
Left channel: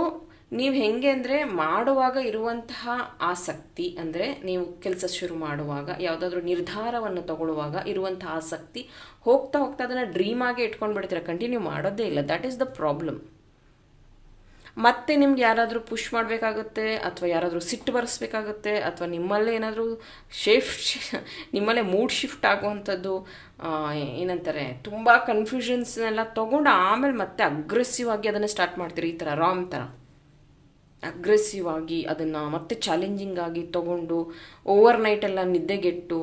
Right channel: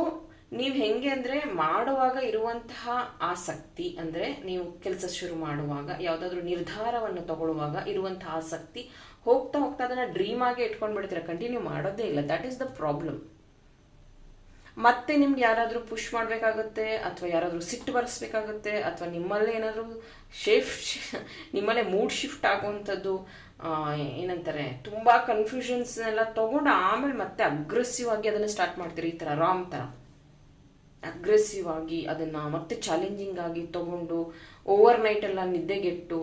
ನೀವು ಹೆಂಗೆ ಅಂದರೆ ಮಾಡುವಾಗ ಇರುವಂತಹ ಆಸಕ್ತಿ ಅಂದರೆ ನೀವು ಕೆಲಸ ಶುರು ಮಾಡುವಾಗ ಯಾವುದಾದ್ರೂ ನಿರ್ಧಾರವನ್ನು ತಗೊಳ್ಳುವಾಗ ಇರುವಂಥ ಆಸಕ್ತಿ ಹೋಗ್ತಾ ಹೋಗ್ತಾ ಅದನ್ನು ಡ್ರೀಮ್ ಆಗಿ ಇಟ್ಕೊಂಡು ಬಿಡ್ತೀರ ಕಂಟಿನ್ಯೂ ಮಾಡೋದೇ ಇಲ್ಲ ದ್ಯಾಟ್ ಈಸ್ ದ ಪ್ರಾಬ್ಲಮ್ ಮತ್ತೆ ನಿಮ್ಗೆ ಯಾರಾದರೂ ಪುಷ್ ಮಾಡಬೇಕಾಗುತ್ತೆ ಅಥವಾ ಯಾರಾದರೂ ಸಿಟ್ಟು ಬರೆಸ್ಬೇಕಾಗುತ್ತೆ ಅಥವಾ ನಿಮ್ಮಲ್ಲೇ ಏನಾದರೂ ಶಿಫ್ಟ್ ನಿಮ್ಮಲ್ಲೇ ಮೂಡ್ ಶಿಫ್ಟ್ ಆಗುವಂಥದ್ದು ಏನಂತಾರೆ ತುಂಬ ಕನ್ಫ್ಯೂಷನ್ಸ್ನೆಲ್ಲ ತೊಗೊಂಡು ಆಮೇಲೆ ಮತ್ತೆ ಅಗ್ರೆಸಿವ್ ಆಗಿ ಅದನ್ನು ಸ್ಟಾರ್ಟ್ ಮಾಡ್ತೀರಿ ಈ ಥರ ರಾಂಗ್ ಥರ ಅಗ್ರೆಸಿವ್ ಆಗಿ ಅದನ್ನು ಮತ್ತೆ ಚಾಲೆಂಜಿಂಗ್ ಆಗಿ ತೊಗೊಂಡು ಓವರ್ ಎಲ್ಲ ನಿದ್ದೆಗೆಟ್ಟು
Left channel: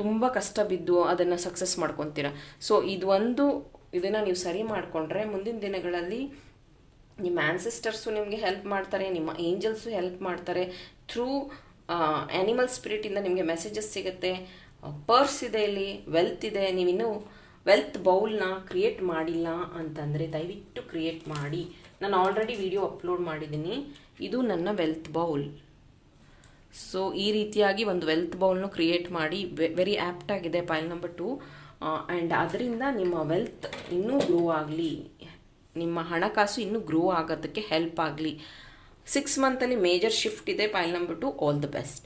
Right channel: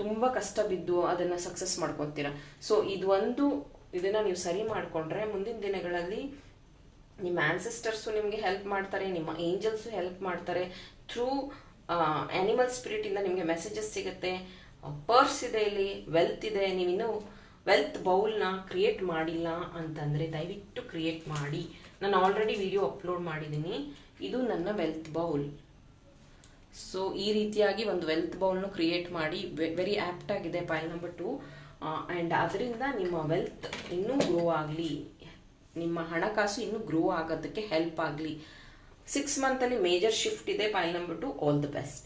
ತುಂಬ ಕಷ್ಟ ಬಿದ್ದು ಅದನ್ನು ಸಕ್ಸಸ್ ಮಾಡ್ಕೊತೀರ ಸೊ ಇದು ಒಂದು ಇದನ್ನು ನೀವು ಸರಿ ಮಾಡಿಕೊಂಡ್ರೆ ಮುಂದಿನ ದಿನಗಳಲ್ಲಿ ನಿಮ್ಮ ಆ್ಯನ್ಸಿಸ್ಟರ್ಸು ನಿಮಗೆ ಹೆಲ್ಪ್ ಮಾಡ್ತಾರೆ ನಿಮ್ಮ ಏಂಜಲ್ಸು ಹೆಲ್ಪ್ ಮಾಡ್ತಾರೆ ಥ್ರೂ ಆ್ಯನಿಮಲ್ ಸ್ಪಿರಿಟಿಂದ ನಿಮಗೆ ಮೆಸೇಜಸ್ ಸಿಗುತ್ತೆ ಪರ್ಸ್ ಇದೆ ಇಲ್ಲಿ ವೆಲ್ತ್ ಇದೆ ಇನ್ನೂ ವೆಲ್ತ್ ಬೌಲ್ನ ಕ್ರಿಯೇಟ್ ಮಾಡಿಲ್ಲ ಅಂತಂದರೆ ದಯವಿಟ್ಟು ಕ್ರಿಯೇಟ್ ಮಾಡಿ ನಾನು ಆಲ್ರೆಡಿ ವಿಡಿಯೋ ಅಪ್ಲೋಡ್ ಮಾಡಿದ್ದೀನಿ ಇದು ನನ್ನ ವೆಲ್ತ್ ಬೌಲ್ ಸೊ ಈ ರೀತಿಯಾಗಿ ಒಂದು ವೆಲ್ತ್ ಬೌಲ್ನ ಕ್ರಿಯೇಟ್ ಮಾಡಿ ವೆರಿ ಆ್ಯಪ್ಟ್ ಆಗಿದೆ ಪೈಲ್ ನಂಬರ್ ಟು ಆ್ಯಂಡ್ ಅದರಿಂದ ನಿಮ್ಮ ವೆಲ್ತ್ ಇನ್ನೂ ಗ್ರೋ ಆಗಲಿ ನಿಮ್ಮ ಹಣಕಾಸು ಇನ್ನೂ ಗ್ರೋ ಆಗೋದಕ್ಕೆ ಹೆಲ್ಪ್ ಆಗಲಿ ಸಿಕ್ಸ್ ಮಂತಲ್ಲಿ ಮೇಜರ್ ಶಿಫ್ಟ್ ಇದೆ pile number two all the best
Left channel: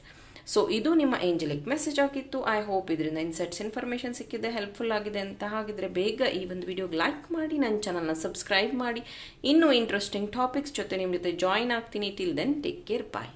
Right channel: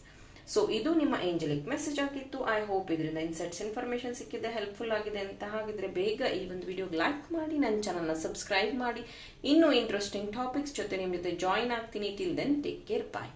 so ಇದು ನಿಮ್ಮ ಏಂಜಲಿಕ್ ಮೆಸೇಜ್ ಆಗಿತ್ತು ಐ ಹೋಪ್ ಇದರಿಂದ ಇನ್ಸೆಟ್ಸ್ ಇನ್ಫಾರ್ಮೇಶನ್ ಸಿಕ್ಕಿದೆ ಹೆಲ್ಪ್ಫುಲ್ ಆಗಿದೆ ಅಂತ ಹಾಗಿದ್ರೆ ಬೇಗ ಈ ಒಂದು ವಿಡಿಯೋಗೆ ಲೈಕ್ ಮಾಡಿ ನನ್ನ ಚಾನಲ್ನ ಸಬ್ಸ್ಕ್ರೈಬ್ ಮಾಡಿ ಇನ್ನೂ ಇಂಟ್ರೆಸ್ಟಿಂಗ್ ಟಾಪಿಕ್ಸ್ ಜೊತೆ ನಿಮ್ಮ ಜೊತೆ ಜಾಯಿನ್ ಆಗ್ತೀನಿ till then take care bye